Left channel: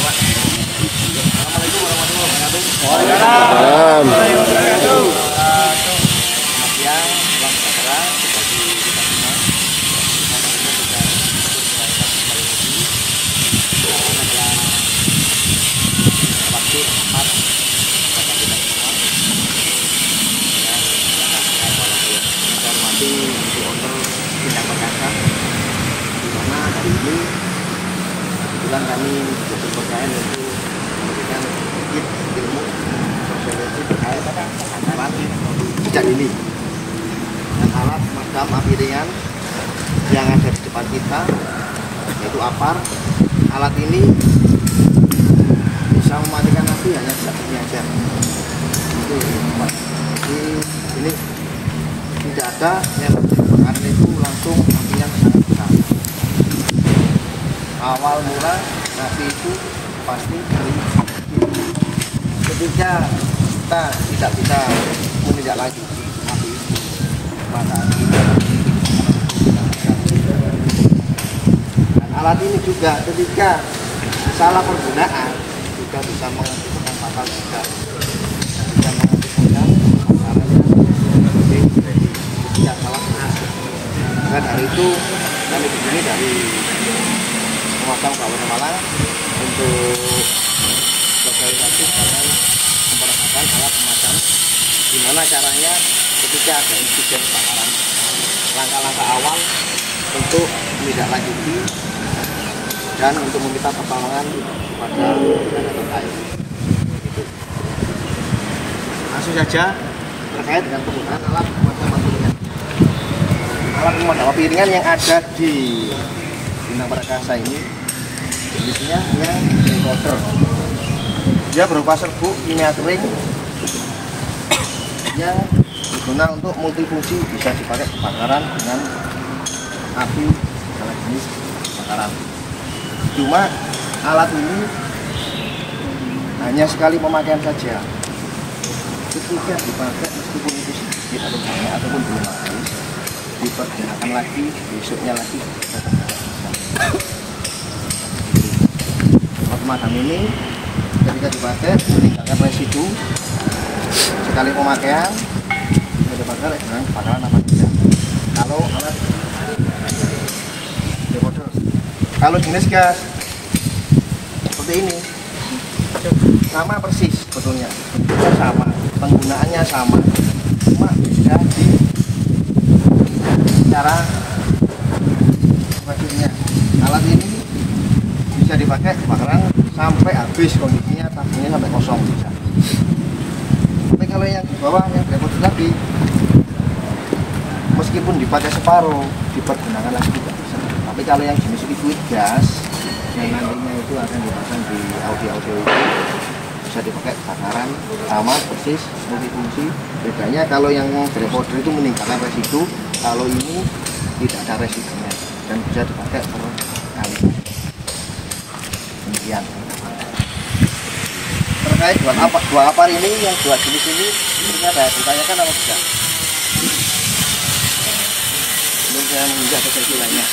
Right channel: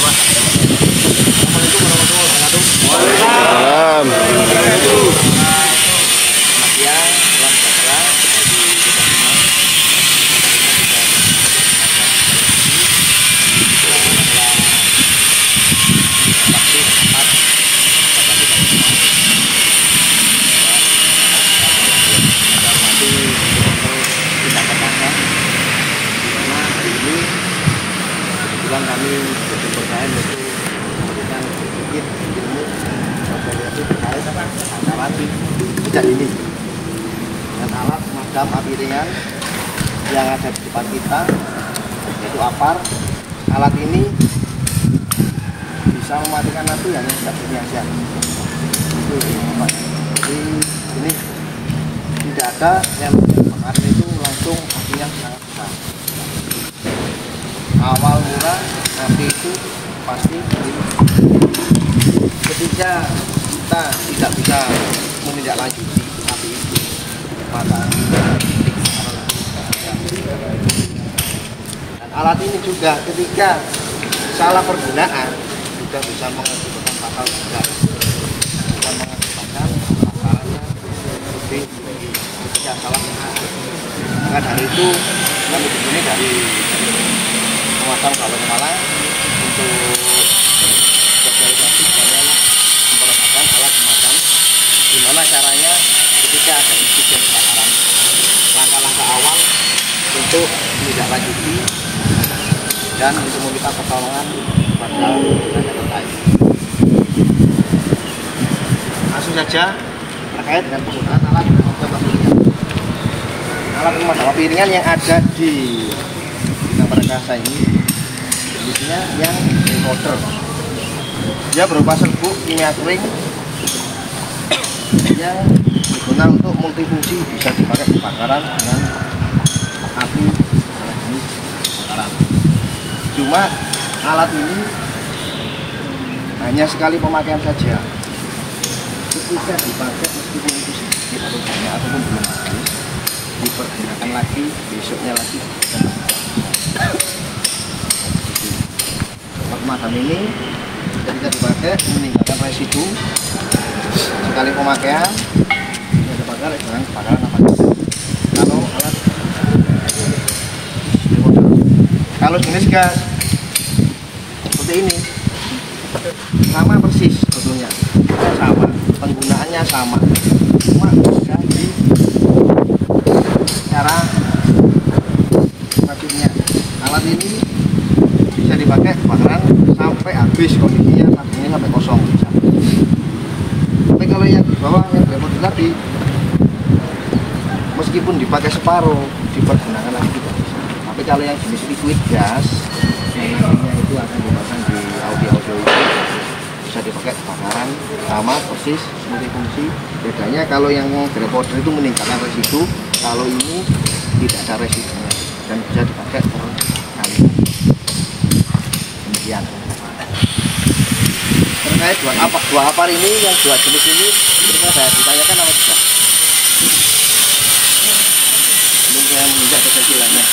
Pak. Assalamualaikum warahmatullahi wabarakatuh. Waalaikumsalam. Selamat siang, salam sejahtera bagi kita semua. Hari ini kita menunaikan kembali lagi adalah waktu dan tempat pada kita semua. Dan saya walaupun kita hormati untuk owner Bintang Perkasa, di mana hari ini kebetulan kami berkepercayaan untuk memberikan sedikit ilmu sosialisasi terkait alat tidak ini dengan alat pemadam api ringan yang ada di depan kita, yaitu APAR. Alat ini bisa mematikan api hanya satu saja. Itu Bapak. Jadi ini tidak ada yang kebakaran itu langsung api yang sangat besar. Awal mula api itu pasti dari ketika kita tidak bisa menindaklanjuti api itu, maka dan alat ini juga ketika salah penggunaan juga bisa mengakibatkan fatal juga, bisa mengakibatkan kebakarannya ketika salah penggunaan. Maka dari itu kami di sini dari pemadam Kabupaten Malang untuk sosialisasi dengan memperkenalkan alat pemadam, gimana caranya ketika ada insiden kebakaran, langkah-langkah awal untuk menindaklanjuti dan untuk meminta pertolongan kepada tenaga terkait. Langsung saja terkait dengan penggunaan alat pemadam api ringan. Alat pemadam api ringan yang ada di Bintang Perkasa ini jenisnya yang encoder. Dia berupa serbuk kimia kering yang digunakan untuk multifungsi, bisa dipakai kebakaran dengan api segala jenis kebakaran. Cuma alat ini hanya sekali pemakaian saja. Ketika dipakai meskipun itu sedikit atau banyak ataupun belum habis, dipergunakan lagi besoknya lagi dan tidak bisa. Pemadam ini ketika dipakai meninggalkan residu sekali pemakaian, bisa dibakar dengan kebakaran apa saja. Kalau alat kalau jenis gas seperti ini sama persis sebetulnya, sama penggunaannya sama, cuma beda di cara maksudnya. Alat ini bisa dipakai kebakaran sampai habis kondisinya, tabungnya sampai kosong bisa. Tapi kalau yang di bawah yang repot tadi, meskipun dipakai separuh, dipergunakan lagi tidak bisa. Tapi kalau yang jenis liquid gas yang nantinya itu akan dipasang di audio itu, bisa dipakai kebakaran sama persis multifungsi. Bedanya kalau yang reporter itu meninggalkan residu, kalau ini tidak ada residunya dan bisa dipakai berkali-kali. Demikian. Terkait dua APAR ini, yang dua jenis ini, kira-kira ada ditanyakan apa tidak? Belum saya menginjak kecil-kecilannya.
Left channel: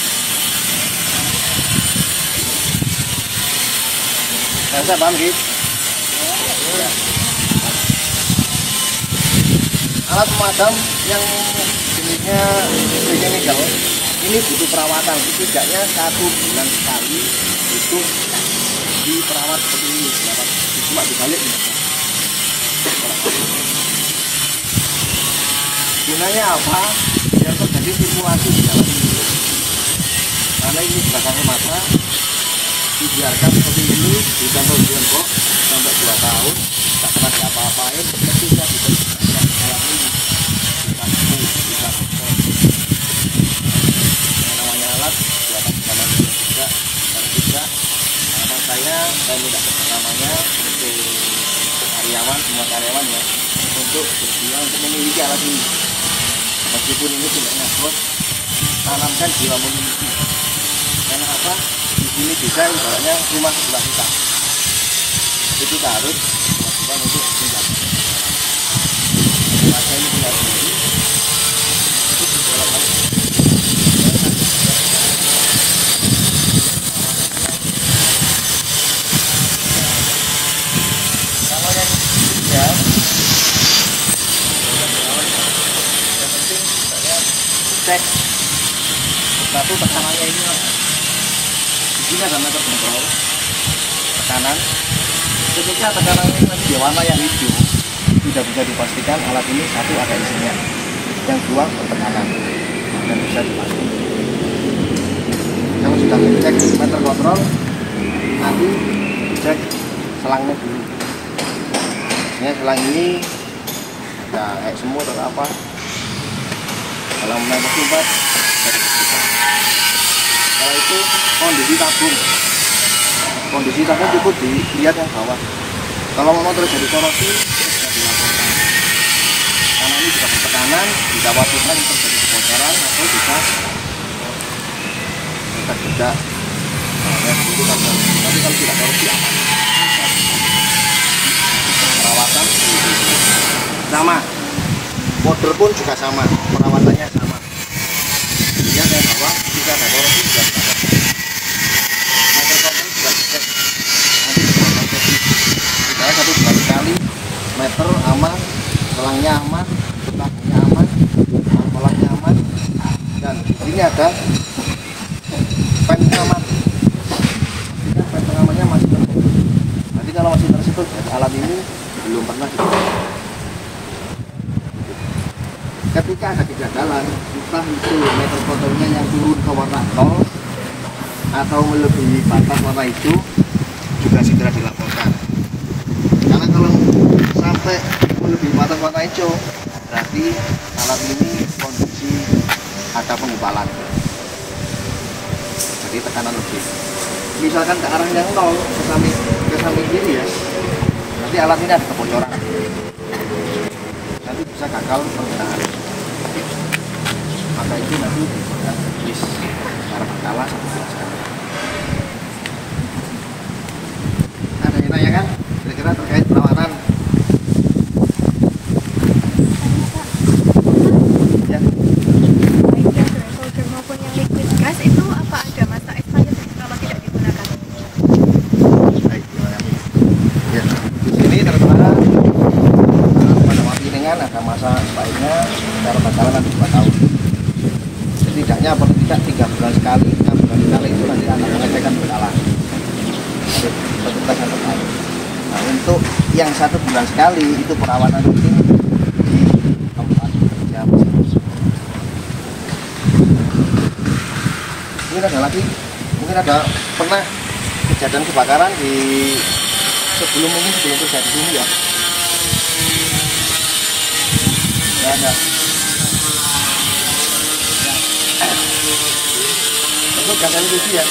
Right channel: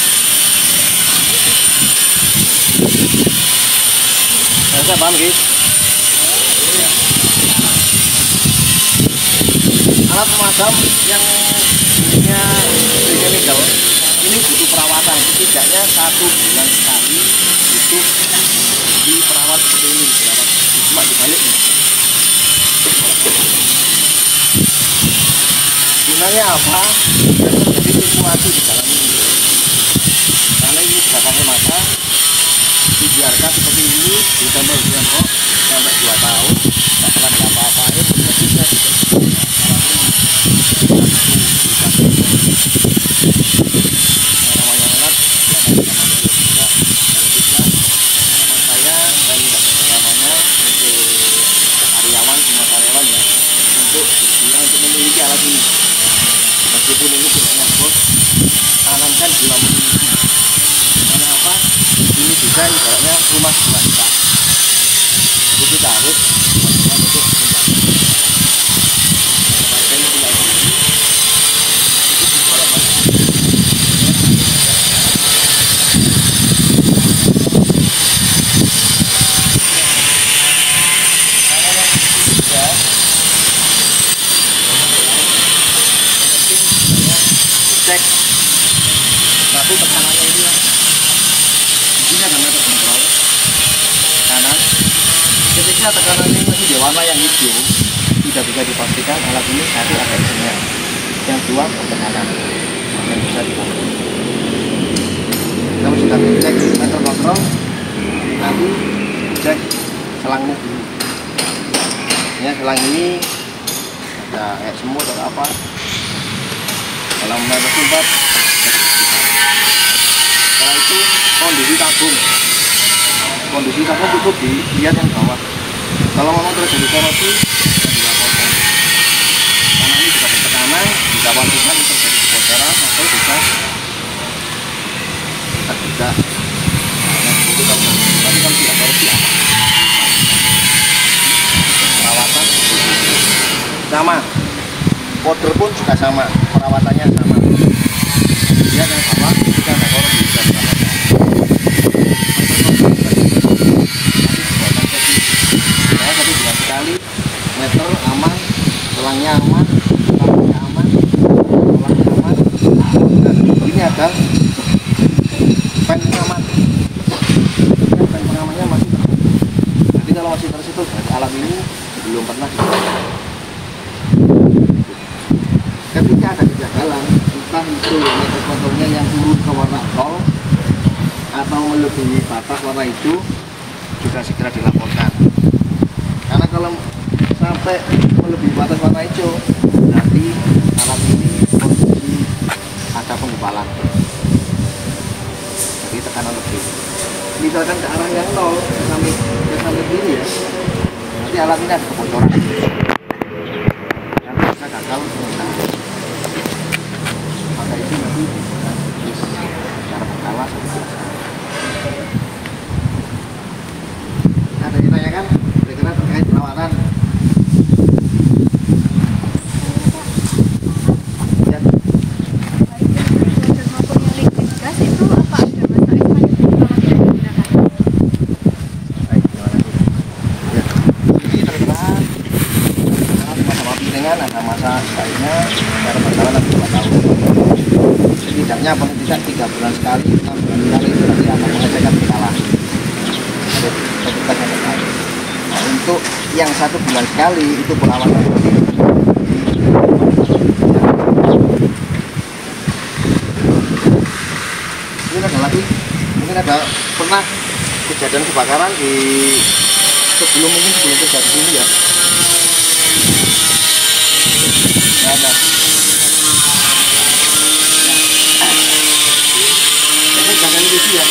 Saya paham guys. Ya. Alat pemadam yang jenisnya chemical ini butuh perawatan, setidaknya 1 bulan sekali itu diperawat seperti ini, perawat cuma dibalik ini. Gunanya apa? Biar terjadi sirkulasi di dalam ini. Karena ini bakal mata dibiarkan seperti ini, ditambah tembok sampai 2 tahun, tak pernah diapa-apain, ketika dibersihkan alat ini bisa namanya alat buatan bersama manusia juga. Kalau tidak, harapan saya minta kerjasamanya untuk karyawan, semua karyawan ya, untuk bersedia untuk memiliki alat ini. Meskipun ini punyanya bos, tanamkan jiwa memiliki. Karena apa? Ini juga ibaratnya rumah sebelah kita. Jadi kita harus teman-teman untuk menjaga. Maka ini tinggal begini, cukup dibolongkan. cek satu tekanannya ini. Di sini ada meter kontrol tekanan. Ketika tekanan ini masih di warna yang hijau, sudah bisa dipastikan alat ini satu ada isinya, yang dua bertekanan dan bisa dipastikan. Kalau sudah dicek meter kontrol, nanti cek selangnya dulu. Ini selang ini ada kayak semut atau apa. Kalau meter sumbat, setelah itu kondisi tabung cukup dilihat yang bawah. Kalau memang terjadi koroti, bisa dilaporkan. Karena ini juga bertekanan, dikhawatirkan terjadi kebocoran atau bisa juga. Tapi kalau tidak korupsi aman. Perawatan sama, model pun juga sama, perawatannya sama. Lihat yang bawah juga ada korupsi. Kita 1 bulan sekali, meter aman, selangnya aman, tabungnya aman, kolaknya aman, dan ini ada pen pengaman. Pen pengamannya masih tertutup. Nanti kalau masih tertutup dari alat ini belum pernah dipakai. Ketika ada kegagalan, entah itu meter kontrolnya yang turun ke warna 0 atau melebihi batas warna hijau, juga segera dilaporkan. Karena kalau sampai melebihi batas warna hijau, berarti alat ini kondisi ada pengumpalan. Jadi tekanan lebih. Misalkan ke arah yang 0 ke samping kiri ya, nanti alat ini ada kebocoran. Nanti bisa gagal penggunaan. Maka itu nanti akan tulis secara berkala 1 bulan sekali. Ada yang ditanyakan kira-kira terkait perawatan? Ya. Maupun yang liquid gas itu apa ada masa evaluasi kalau tidak digunakan? Baik, terima kasih. Ya, ini tertera pada mati ringan ada masa sebaiknya secara berkala nanti 2 tahun. Setidaknya paling tidak 3 bulan sekali, 6 bulan sekali itu nanti akan mengecekkan berkala. Ada petugas yang terkait. Nah, untuk yang 1 bulan sekali itu perawatan rutin ya. Mungkin ada lagi, mungkin ada pernah kejadian kebakaran di sebelum terjadi ini ya. Nggak ada. Itu gas LPG ya.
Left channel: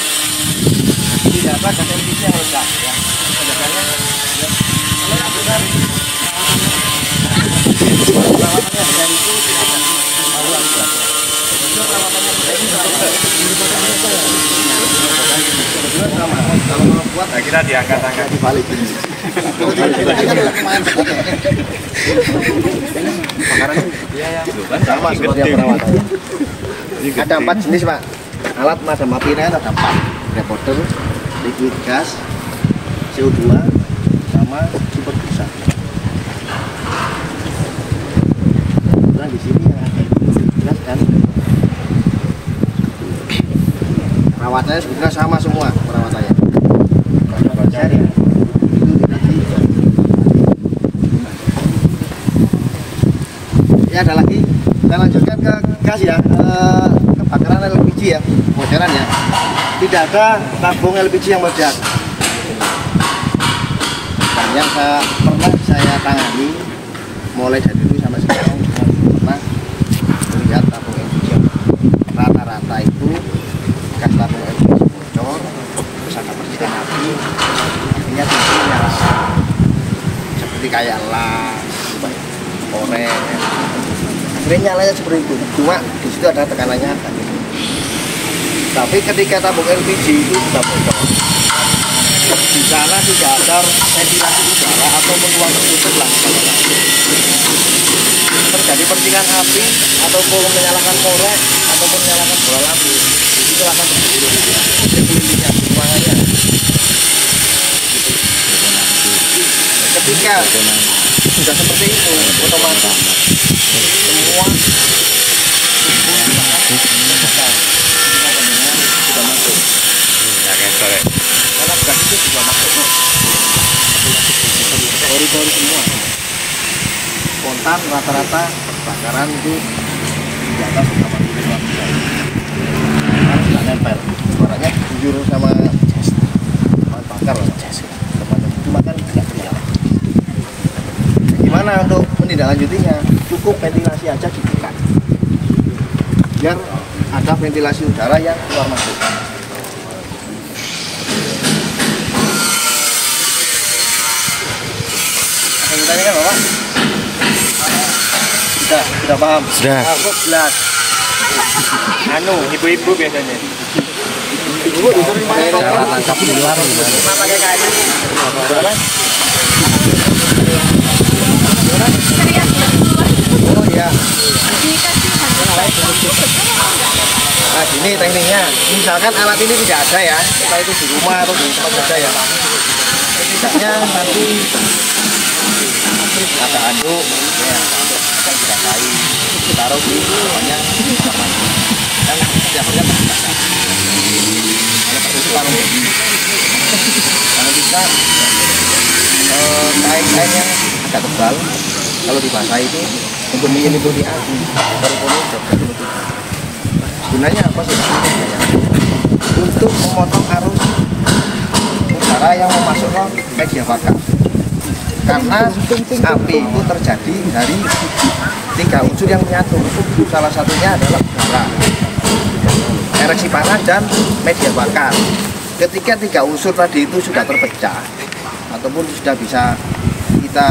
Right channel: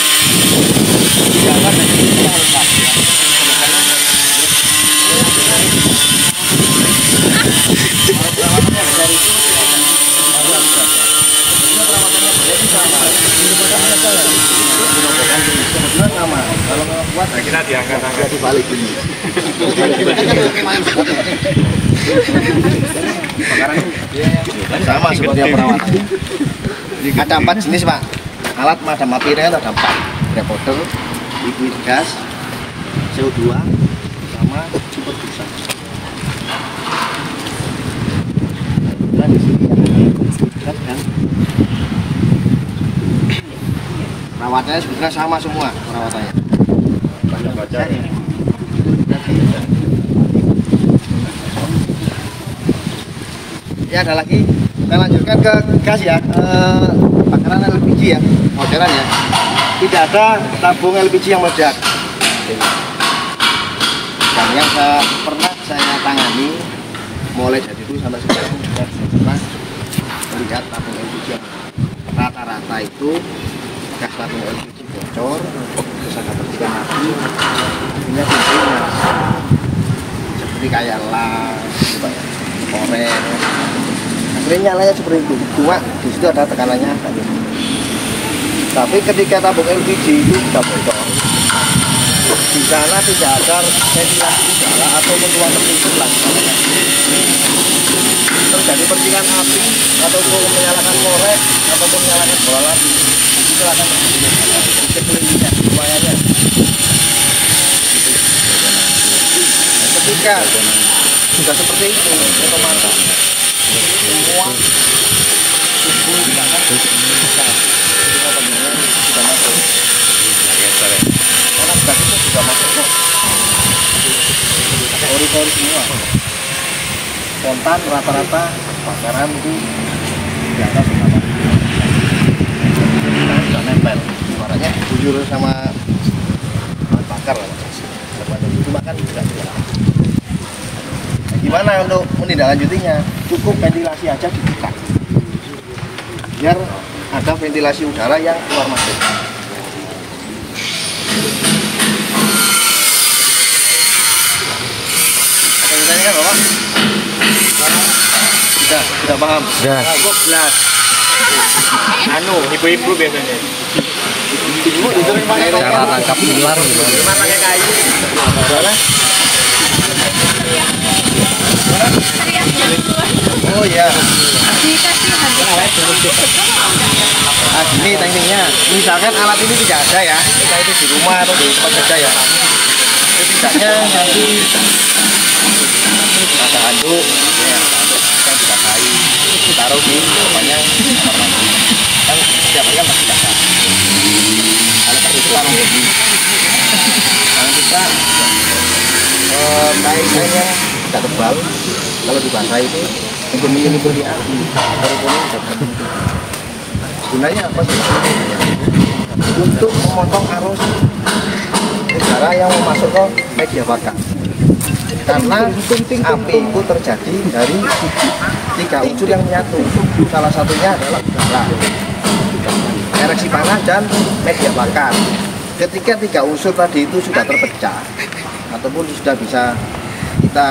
Tidak ada gas LPG yang meledak ya. Biasanya perawatannya besar itu tidak ada. Kemudian perawatannya besar itu kebetulan sama. Kalau mau kuat, kita diangkat-angkat dibalik ini. Bakaran sama seperti yang perawatan. Ada 4 jenis Pak. Alat madam api ini ada 4. Reporter, liquid gas, CO2, sama super busa. Nah di sini yang ada liquid gas dan perawatannya sebetulnya sama semua perawatannya. Baca ini. Ya ada lagi, kita lanjutkan ke gas ya, kebakaran LPG ya, bocoran ya. Tidak ada tabung LPG yang meledak. Dan yang pernah saya tangani mulai dari dulu sampai sekarang pernah melihat tabung LPG yang rata-rata itu gas tabung LPG bocor, terus ada percikan api, akhirnya timbul nyala seperti kayak las, korek. Akhirnya nyalanya seperti itu, cuma di situ ada tekanannya tadi. Tapi ketika tabung LPG itu sudah bocor, di sana tidak ada ventilasi udara ataupun ruang tertutup lah. Terjadi percikan api ataupun menyalakan korek ataupun menyalakan bola api, itu akan terjadi sekelilingnya, ruangannya. Gitu. Nah, ketika sudah seperti itu, otomatis semua tubuh sudah masuk. Karena gas itu juga masuk kok. Pori-pori semua. Spontan rata-rata kebakaran itu di atas 85%. Karena sudah nempel. Suaranya bujur sama bakar lah. Semacam itu makan tidak jalan. Nah, gimana untuk menindaklanjutinya? Cukup ventilasi aja dibuka. Biar ada ventilasi udara yang keluar masuk. Ada yang ditanya kan Bapak? Sudah paham? Sudah. Aku belas. Anu, ibu-ibu biasanya. Ibu Cara tangkap ular gimana? Teriak yang keluar. Oh iya. Dikasih handuk batu. Itu betul atau enggak ya Pak? Nah gini tekniknya, misalkan alat ini tidak ada ya, entah itu di rumah atau di tempat kerja ya. Setidaknya nanti ada handuk, ya handuk yang dibasahi, ditaruh di depannya kamar mandi. Yang setiap hari kan masih basah. Kalau pakai sekarang jadi, jangan bisa kain-kain yang agak tebal. Kalau dibasahi itu untuk menyelimuti api, pori-pori sudah tertutup. Gunanya apa sih? Untuk memotong arus udara yang mau masuk ke media bakar. Karena api itu terjadi dari 3 unsur yang menyatu. Salah satunya adalah udara, ereksi panas, dan media bakar. Ketika 3 unsur tadi itu sudah terpecah ataupun sudah bisa kita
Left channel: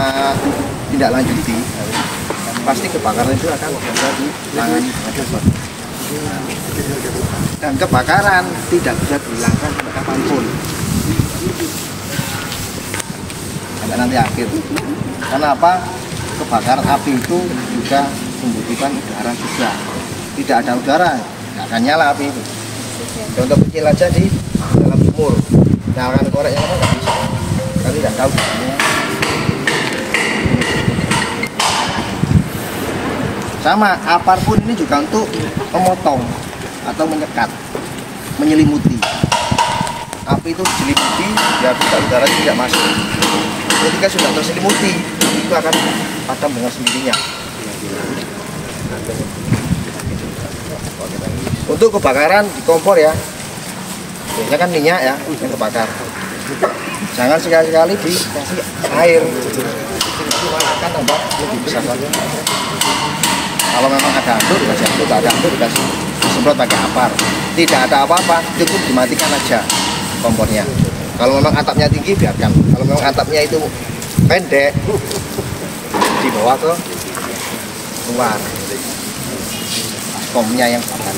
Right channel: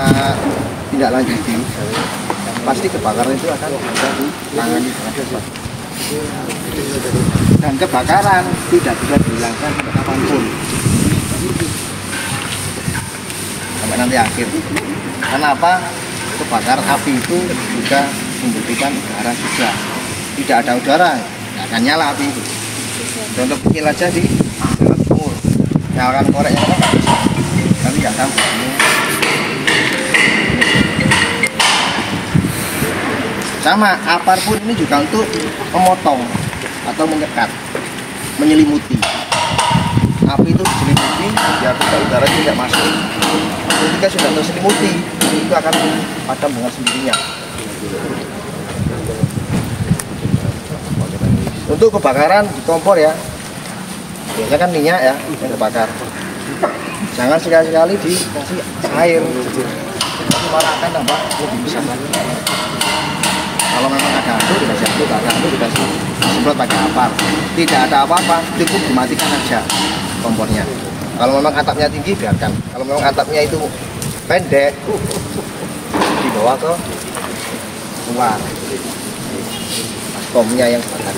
tindak lanjuti, pasti kebakaran itu akan bisa ditangani dengan cepat. Dan kebakaran tidak bisa dihilangkan sampai kapanpun, sampai nanti akhir. Kenapa? Kebakaran api itu juga membutuhkan udara juga. Tidak ada udara, tidak akan nyala api itu. Contoh kecil aja di dalam sumur, nyalakan koreknya kan nggak bisa. Kami nggak tahu. Sama, apapun ini juga untuk memotong atau menyekat, menyelimuti. Api itu diselimuti biar udara tidak masuk. Ketika sudah terselimuti, itu akan padam dengan sendirinya. Untuk kebakaran di kompor ya, biasanya kan minyak ya yang kebakar. Jangan sekali-sekali dikasih air, malah akan tambah lebih besar lagi. Kalau memang ada handuk dikasih handuk, tidak ada handuk dikasih semprot pakai apar. Tidak ada apa-apa, cukup dimatikan aja kompornya. Kalau memang atapnya tinggi biarkan. Kalau memang atapnya itu pendek, dibawa ke luar. Baskomnya yang bakar.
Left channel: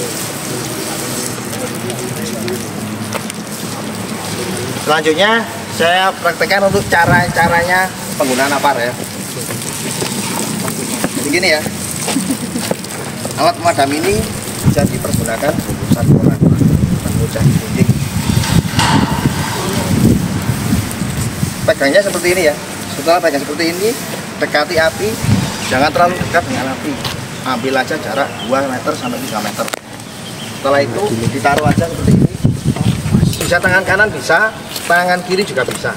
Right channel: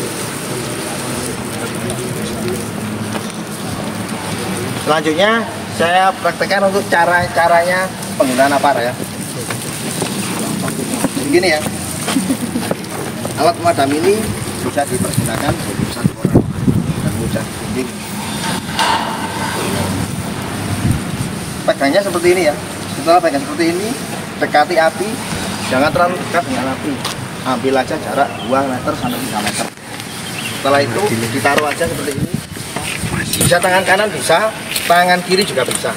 Selanjutnya saya praktekkan untuk caranya penggunaan apar ya. Jadi gini ya. Alat pemadam ini bisa dipergunakan untuk 1 orang dan mudah dinding. Pegangnya seperti ini ya. Setelah pegang seperti ini, dekati api, jangan terlalu dekat dengan api. Ambil aja jarak 2 meter sampai 3 meter. Setelah itu ditaruh aja seperti ini. Bisa tangan kanan bisa, tangan kiri juga bisa.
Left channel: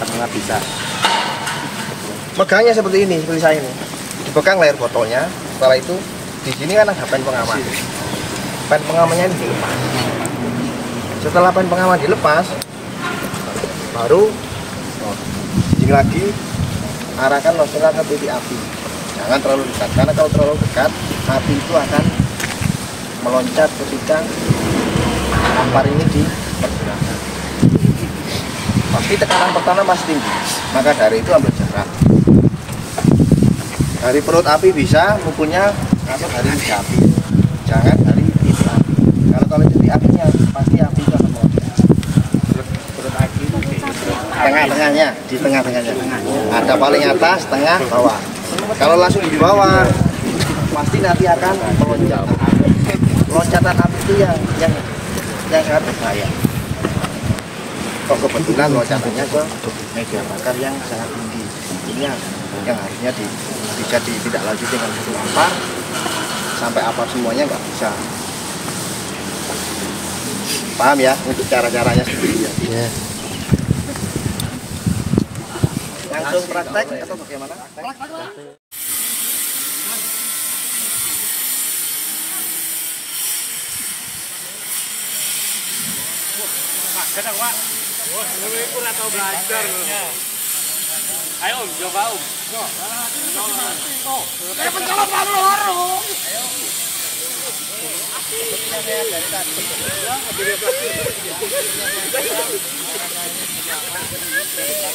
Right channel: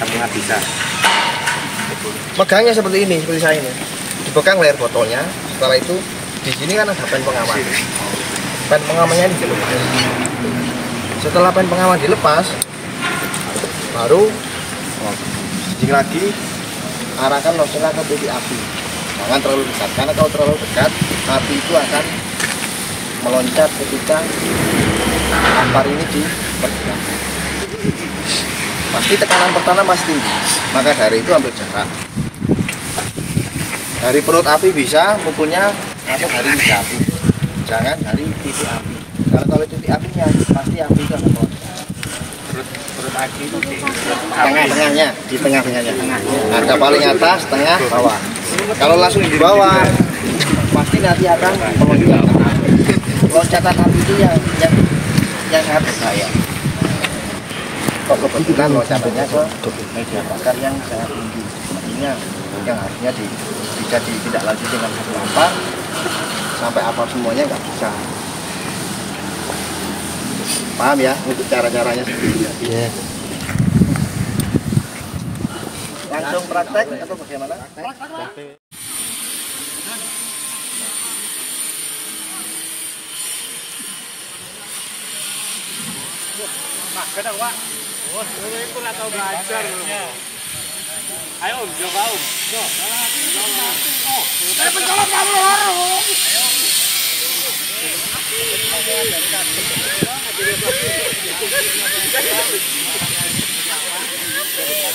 Tangan bisa. Pegangnya seperti ini, seperti saya ini. Dipegang layar botolnya. Setelah itu di sini kan ada pen pengaman. Pen pengamannya ini dilepas. Setelah pen pengaman dilepas, baru jing lagi arahkan nozzle ke titik api. Jangan terlalu dekat, karena kalau terlalu dekat api itu akan meloncat ketika apar ini dipergunakan. Pasti tekanan pertama pasti tinggi, maka dari itu ambil jarak. Dari perut api bisa pukulnya atau dari titik api, jangan dari titik api. Kalau titik apinya pasti api itu akan meloncat. Tengah-tengahnya, di tengah-tengahnya. Ada paling atas, tengah, bawah. Kalau langsung di bawah, pasti nanti akan meloncat. Loncatan api itu yang sangat berbahaya. Kok kebetulan loncatannya ke media bakar yang sangat tinggi, artinya yang harusnya bisa ditindaklanjuti dengan 1 ampar sampai apa semuanya nggak bisa. Paham ya untuk cara-caranya sendiri ya? Ya. Langsung praktek atau bagaimana? Kadang Pak. Wah, itu ora tau belajar lho. Ayo Om, coba Om. Yo, pencolok loro.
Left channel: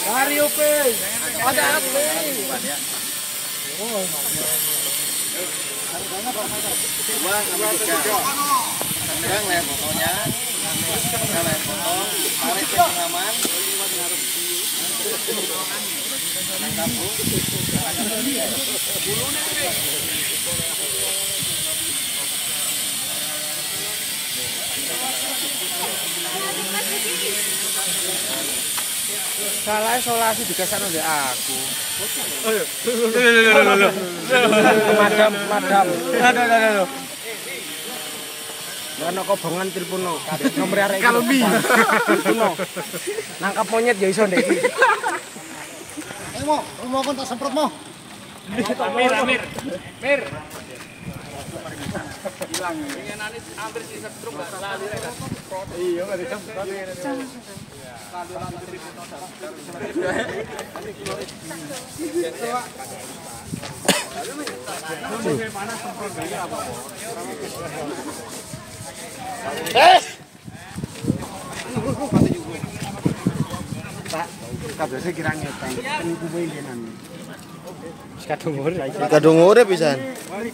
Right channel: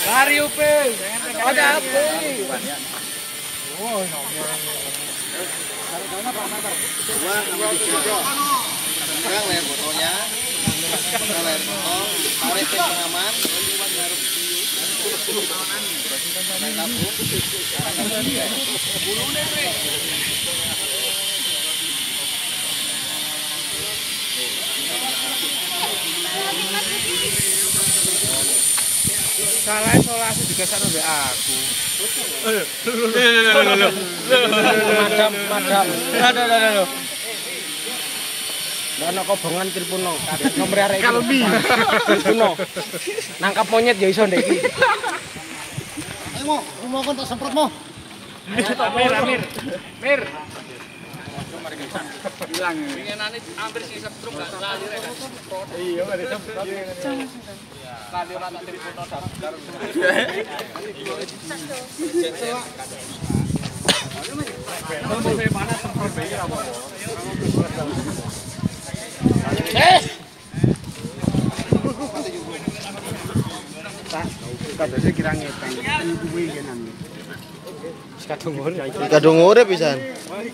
Lari upe. Ada apa? Oh, Dua sampai tiga. Pegang layar fotonya, pegang layar foto, tarik ke pengaman, pegang tabung, arahkan ke dia. salah isolasi digasak ndek aku. Madam. Lho. Lah nek kobongan tilpuno. Nomor arek. Kalbi. Tilpuno. Nangkap monyet ya iso ndek iki. Ayo, rumah kon tak semprot mo. Mir. Hilang. Pengenane hampir si setrum gak lali rek. Iya, ada semprot. Kali ora ngerti foto. Mana semprot bayar apa? Kadose kira ngetan. Penyukupe genan. Kadung urip pisan.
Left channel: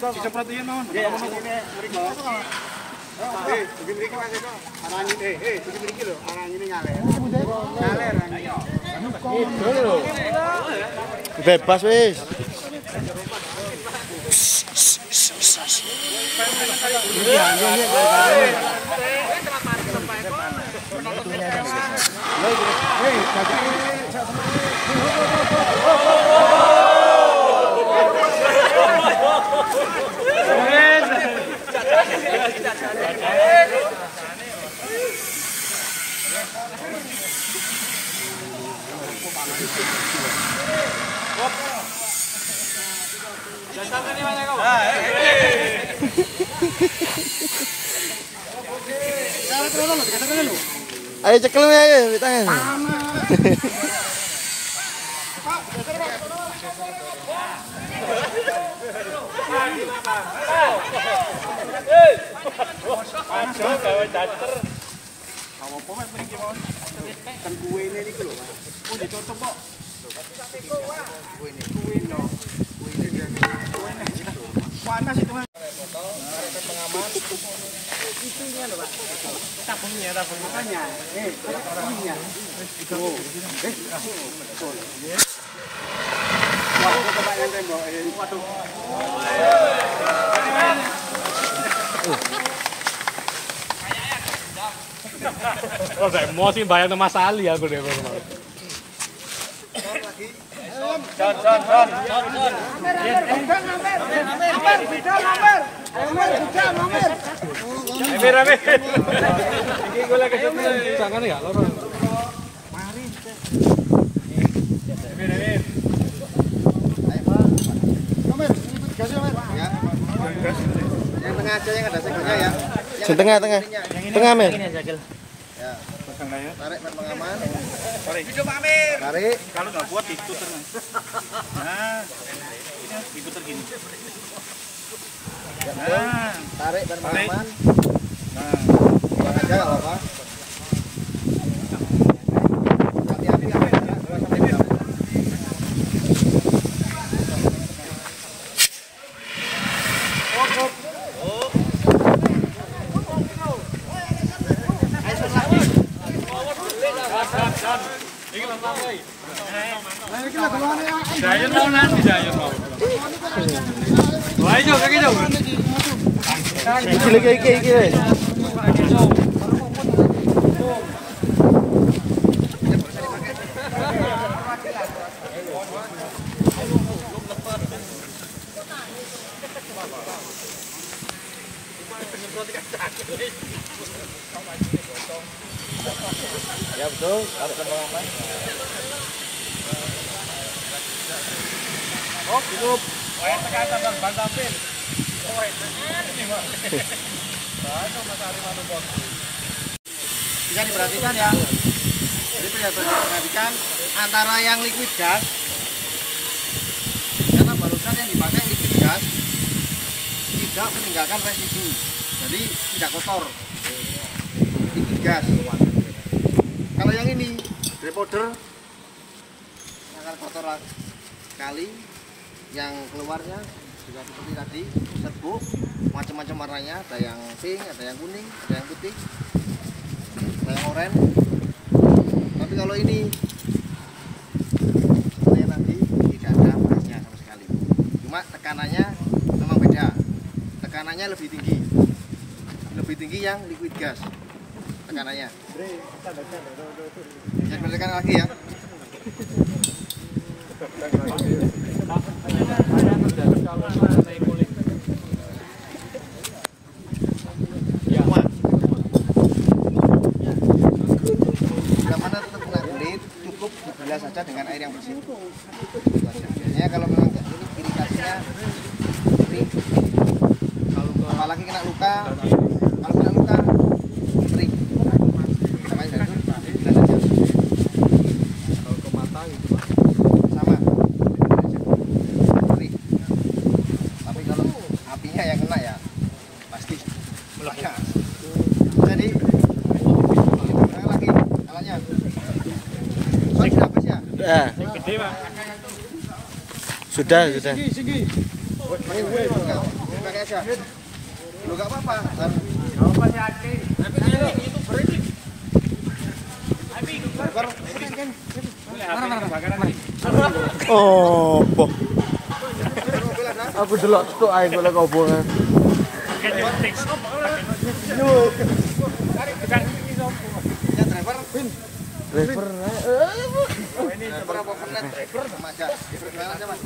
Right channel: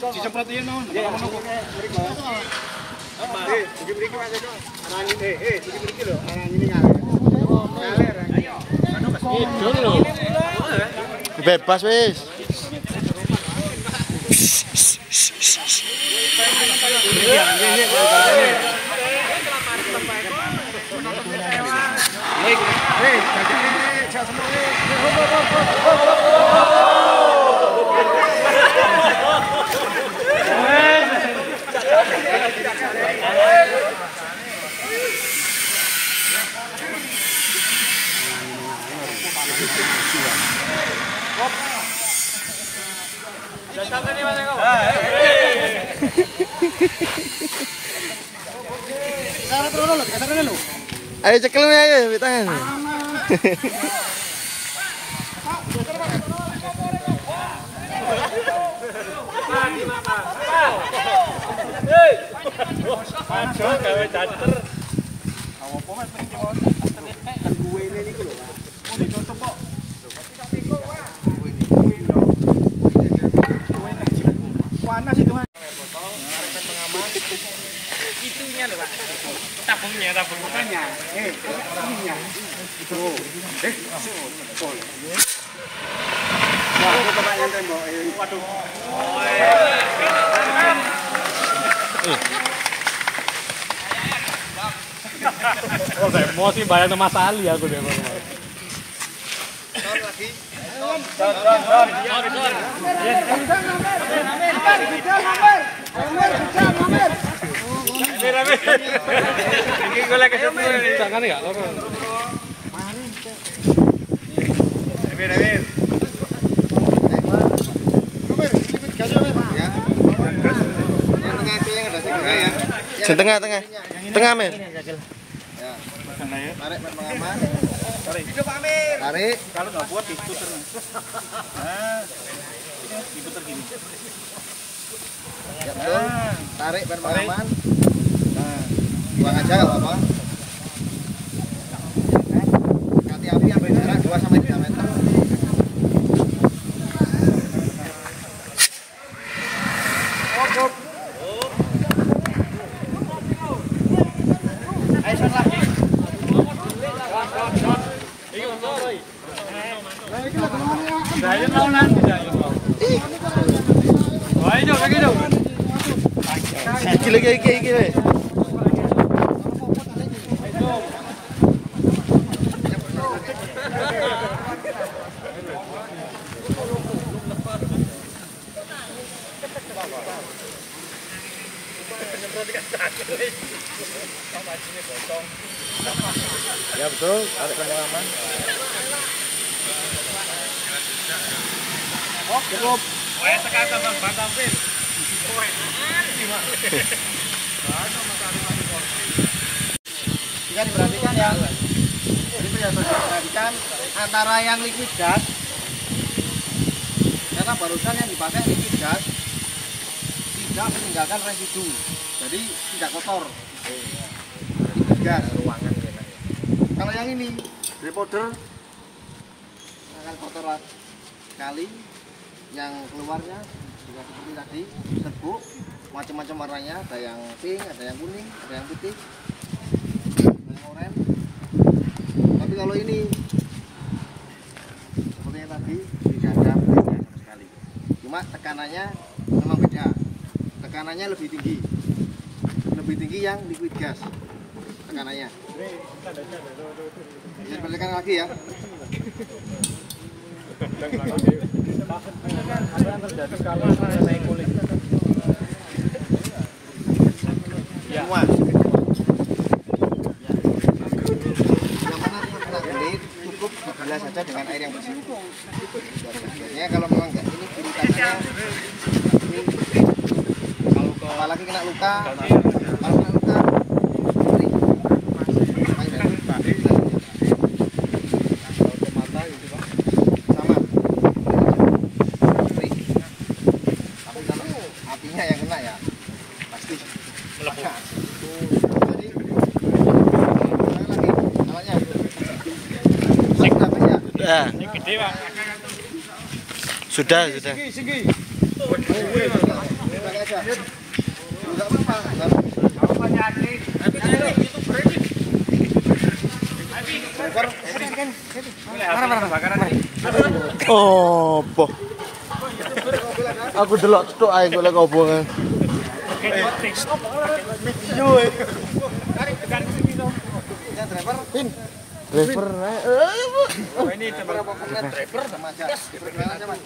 Disemprot yen mawon. Mriki Mas Edo. Arang ini mriki lho. Arang ini ngalir. Bebas wis. Ayo cekel ayo tangan. Panas itu Mas. Itunya lho Pak. Tabungnya. Ininya. Itu. Wah, coba yang tembok. Waduh. Oh, saya emosi bayang sama Mas Ali aku deh kemarin. Ini gue lagi jangan enggak loro. Mari. Amir. Yang tengah aja yang ada segera ya. Tengah. Tengah, Mir. Ya. Tarik pengaman. Tarik. Tarik. Kalau nggak kuat diputer. Nah, ini diputer gini. Nah, tarik pengaman. Nah, Buang aja nggak apa-apa. Hati-hati yang jarak 2 sampai 3 meter. Dayon mau nanti dayon mau. Wah, ini jauh. Iki. betul, tarik pendek aman. Oh, cukup. Saya tekan tambang Bang Kapin. Oh, Bisa diperhatikan ya. Jadi perhatikan antara yang liquid gas, karena barusan yang dipakai liquid gas tidak meninggalkan residu, jadi tidak kotor. Liquid gas. Kalau yang ini grey powder akan kotor sekali. Yang keluarnya juga seperti tadi, serbuk, macam-macam warnanya, ada yang pink, ada yang kuning, ada yang putih, ada yang oranye. Tapi kalau ini seperti yang tadi, tidak ada beresnya sama sekali. Cuma tekanannya memang beda, tekanannya lebih tinggi yang liquid gas tekanannya. Bisa diperhatikan lagi ya. Semua. Bila mana terkena kulit, cukup dibilas saja dengan air yang bersih. Biasanya kalau memang enggak ini iritasinya ini, apalagi kena luka, kalau kena luka perih. Makanya dari sama perih. Tapi kalau apinya yang kena ya pasti meledak. Jadi ulang lagi alatnya. Sudah habis ya? Sudah. gede, Bang. Sudah. Pakai aja. Lu enggak apa-apa. Oh, boh. Aku delok tok ae golek obongan. Ya driver, Driver ini berapa menit driver sama aja. Driver aja, Mas.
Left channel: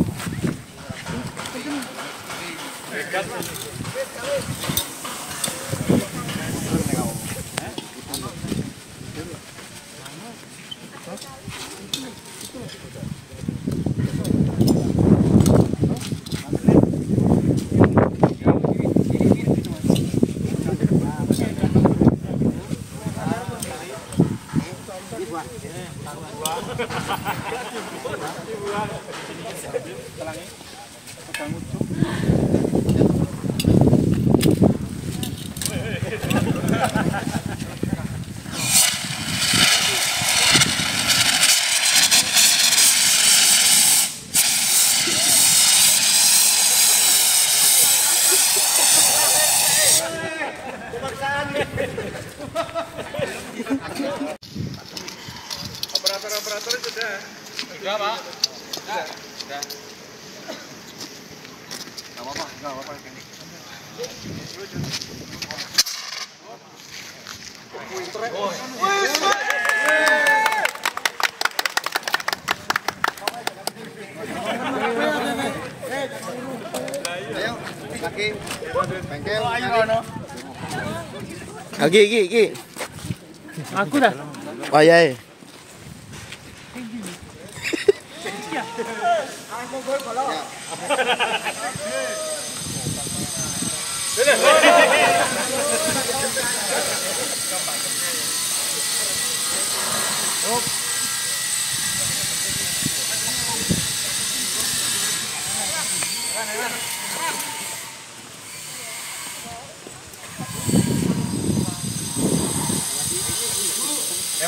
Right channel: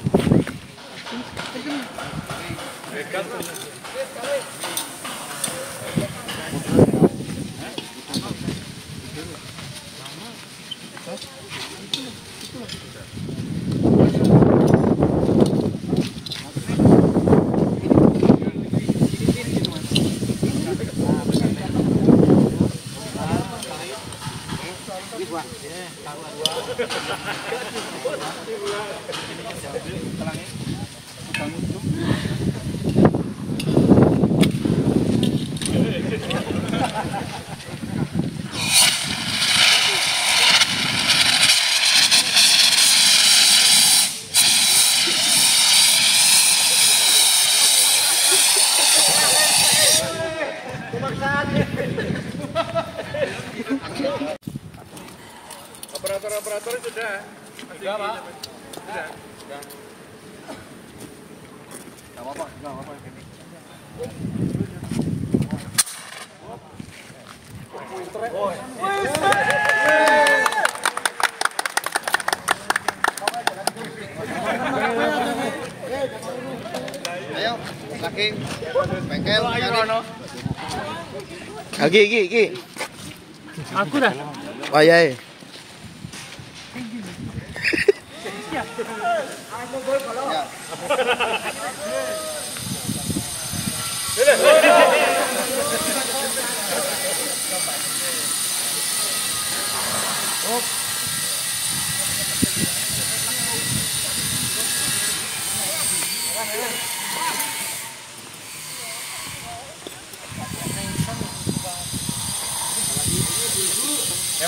Operator sudah. Sudah, Pak. Sudah. Enggak apa-apa. Ayo, lagi bengkel Lagi. Aku dah. Wayahe.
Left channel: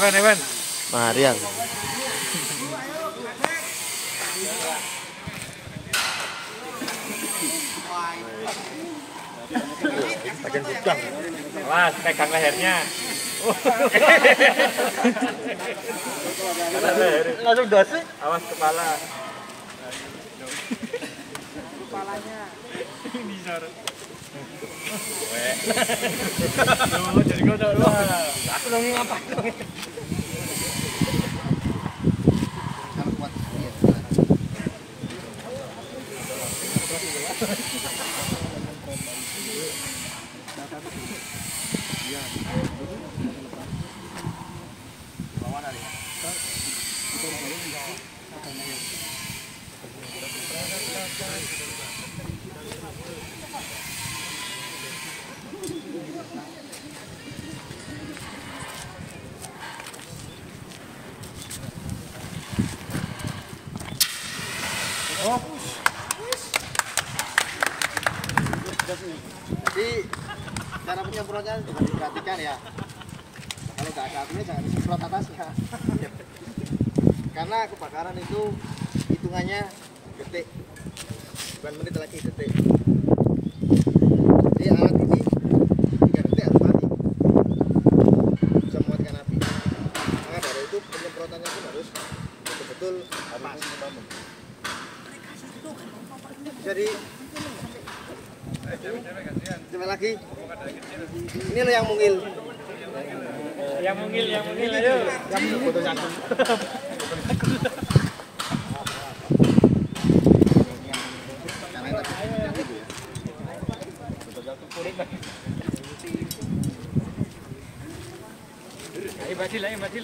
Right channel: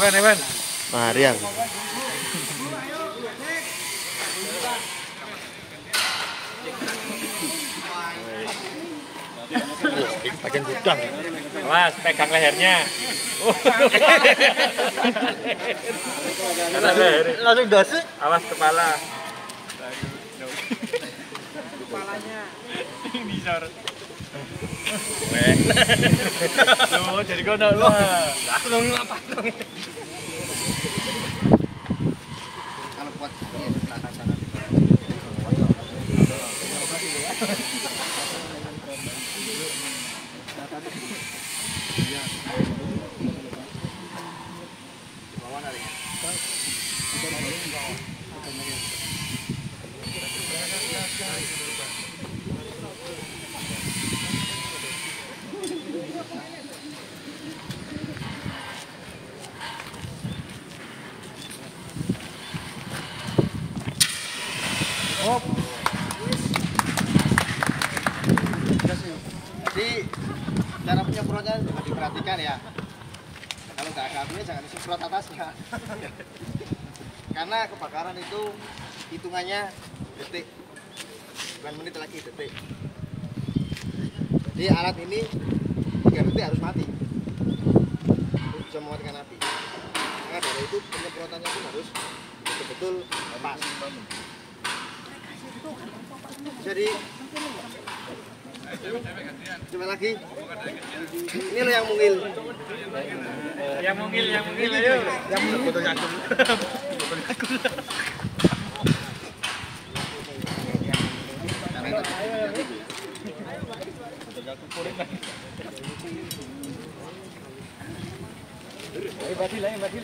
Evan. Marian. Bagian gudang. Awas, pegang lehernya. langsung dos. Awas kepala. Kepalanya. Bisor. Oh, jadi kau dah lu. Aku dong apa? Kalau kuat iya. Bawah dari Jadi cara penyemprotnya juga diperhatikan ya. Nah, kalau nggak ada apinya jangan disemprot atasnya. Karena kebakaran itu hitungannya detik, bukan menit lagi, detik. Jadi alat ini 3 detik harus mati, bisa mematikan api. Maka dari itu penyemprotannya pun harus betul-betul pas. Jadi coba lagi. Ini loh yang mungil. Yang mungil ayo. Yang foto jagung. Karena yang tadi yang itu ya. Lari Badil.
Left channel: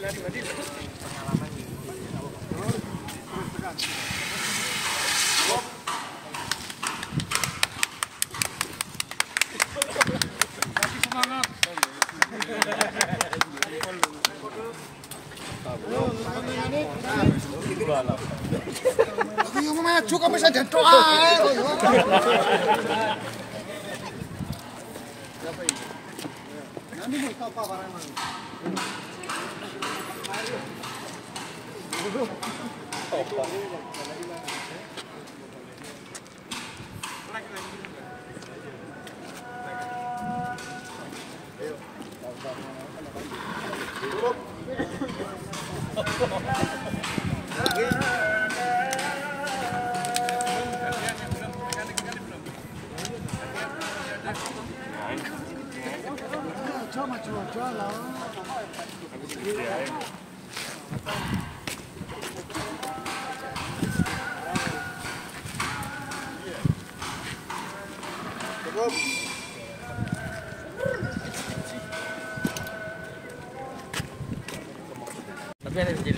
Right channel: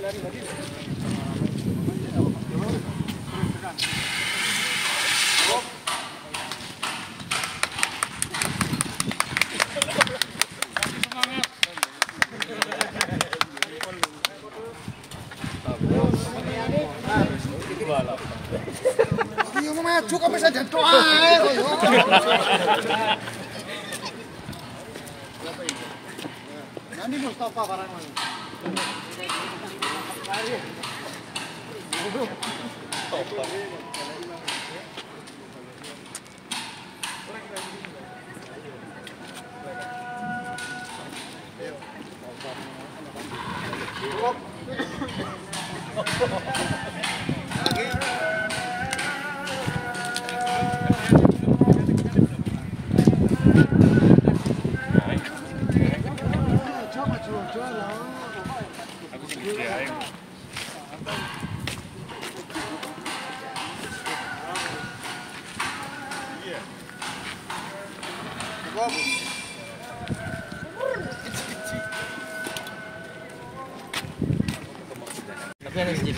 Iya maju kok bisa jadi doa. Ini Mustafa barang mana? Cukup.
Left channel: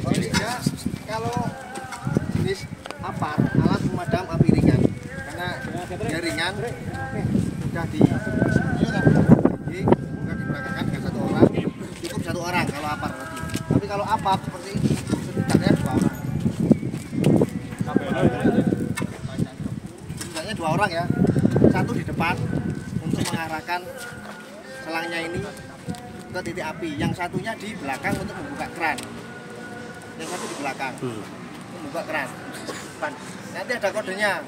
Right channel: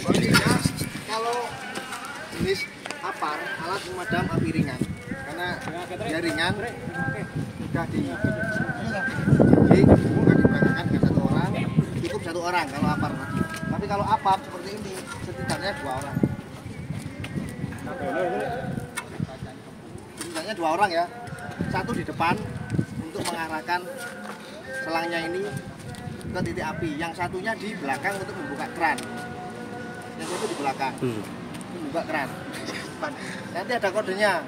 Kondisinya kalau jenis apar alat pemadam api ringan, karena dia ringan sudah diperagakan dengan 1 orang, cukup 1 orang kalau apar tadi. Tapi kalau apap seperti ini setidaknya 2 orang. Setidaknya 2 orang ya, 1 di depan untuk mengarahkan selangnya ini ke titik api, yang satunya di belakang untuk membuka keran. Yang satu di belakang membuka keran. Nanti ada kodenya.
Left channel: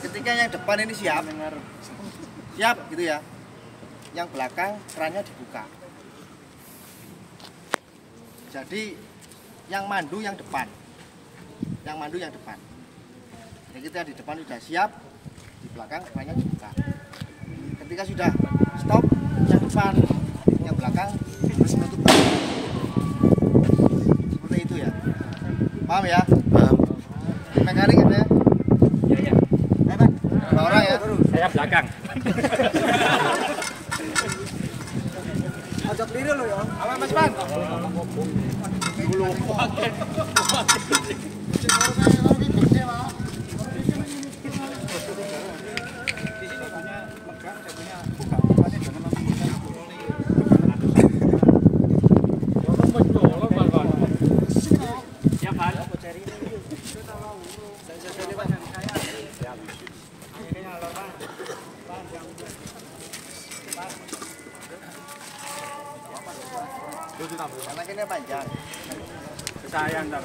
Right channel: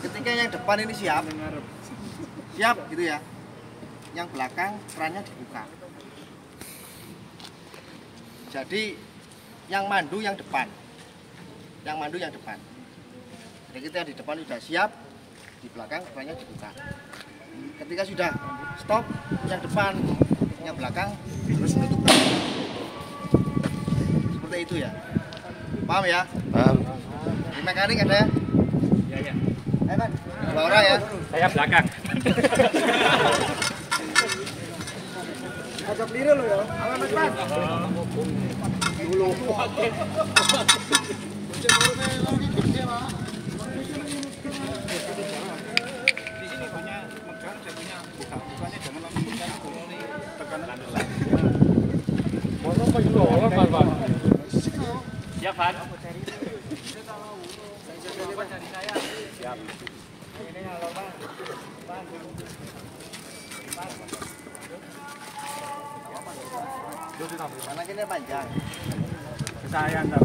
Ketika yang depan ini siap gitu ya, yang belakang kerannya dibuka. Jadi yang mandu yang depan, jadi kita di depan sudah siap, di belakang kerannya dibuka. Ketika sudah stop, yang depan yang belakang harus menutup keran. Seperti itu ya, paham ya? Paham. Mekanik ada ya? Iya. 2 orang ya? Saya belakang. Ajak diri lo ya. Ayo Mas Pan. Di sini punya megang, satunya buka. Bukanya jangan langsung buka. Siap, Pak. Karena ini panjang. Saya ntar.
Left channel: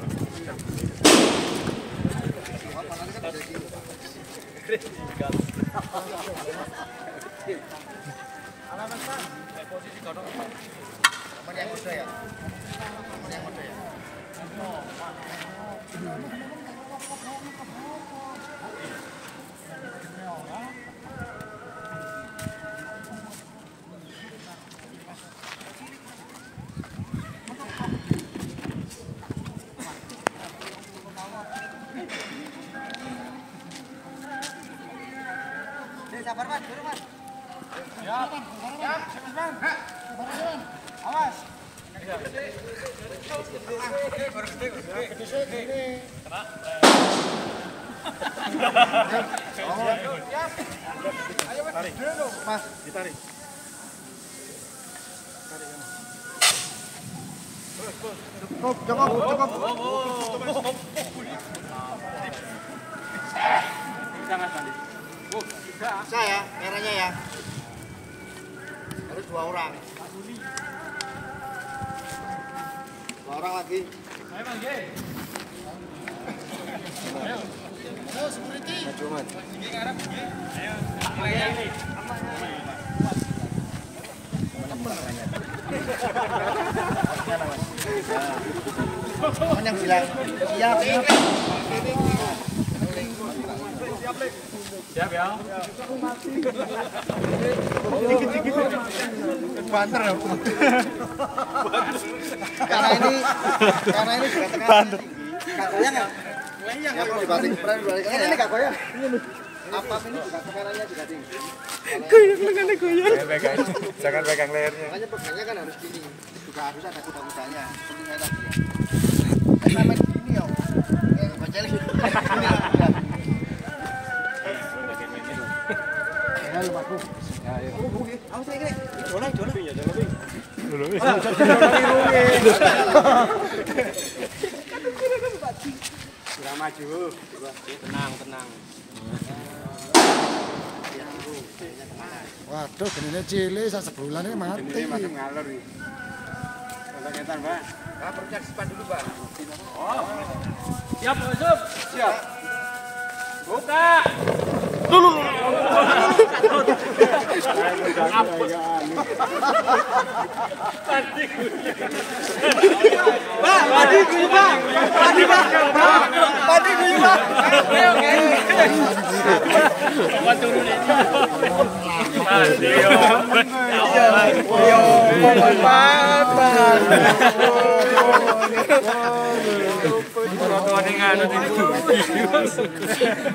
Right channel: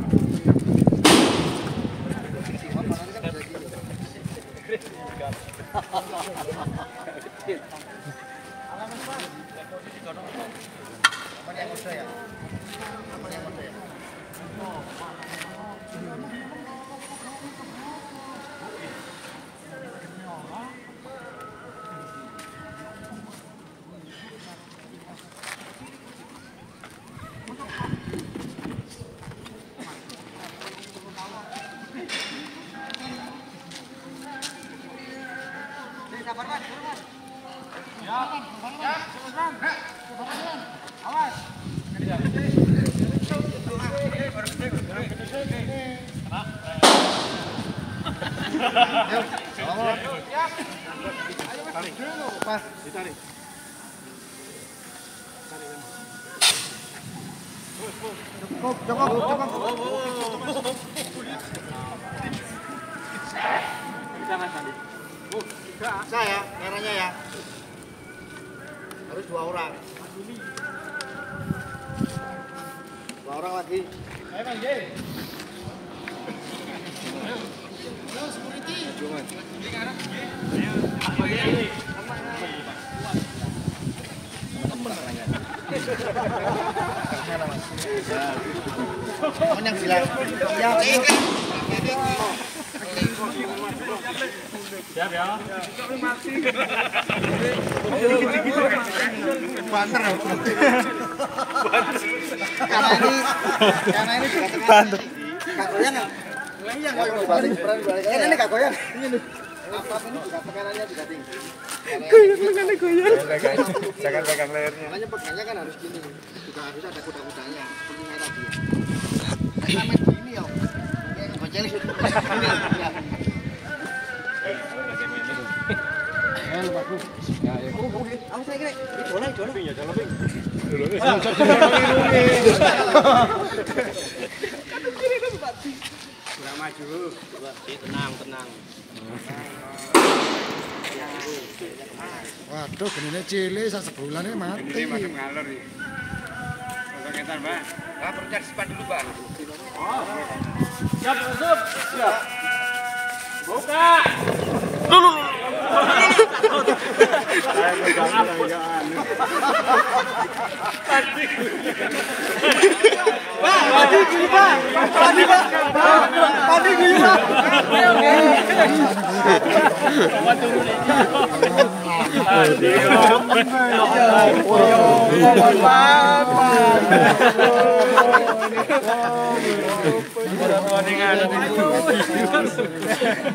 Apa yang udah ya? Apa yang udah ya? Sabar Mas, dulu Mas. Awas. Tarik. Pas, ditarik. Cukup. Bisa Mas Andi. Bisa ya, merahnya ya. Harus 2 orang. 2 orang lagi. Ayo Mas, Ge. Maju, Mas. Yang bilang, Siap ya. banter ya. Karena ini sudah tengah. Enggak goyang ya? Goyang kalau dibalik ini enggak goyang. Ini apa ini juga tekanannya juga tinggi. Goyang. Jangan pegang lehernya. Makanya pegangnya kan harus gini. Juga harus ada kuda-kudanya. Seperti saya tadi ya. Sampai begini ya. Kayak ngegocel gitu. Ini ya. Bagus. Ya, ya. Awas saya kira. Idola. Ping ya, jalan ping. Sudah maju. Tenang. Waduh, genine cilik sak sebulan ini mati. Ini masuk ngalor nih. Untuk ngetar, Mbak. Nah, terus simpan dulu, Bang. Oh. Siap, masuk. Siap. Buka.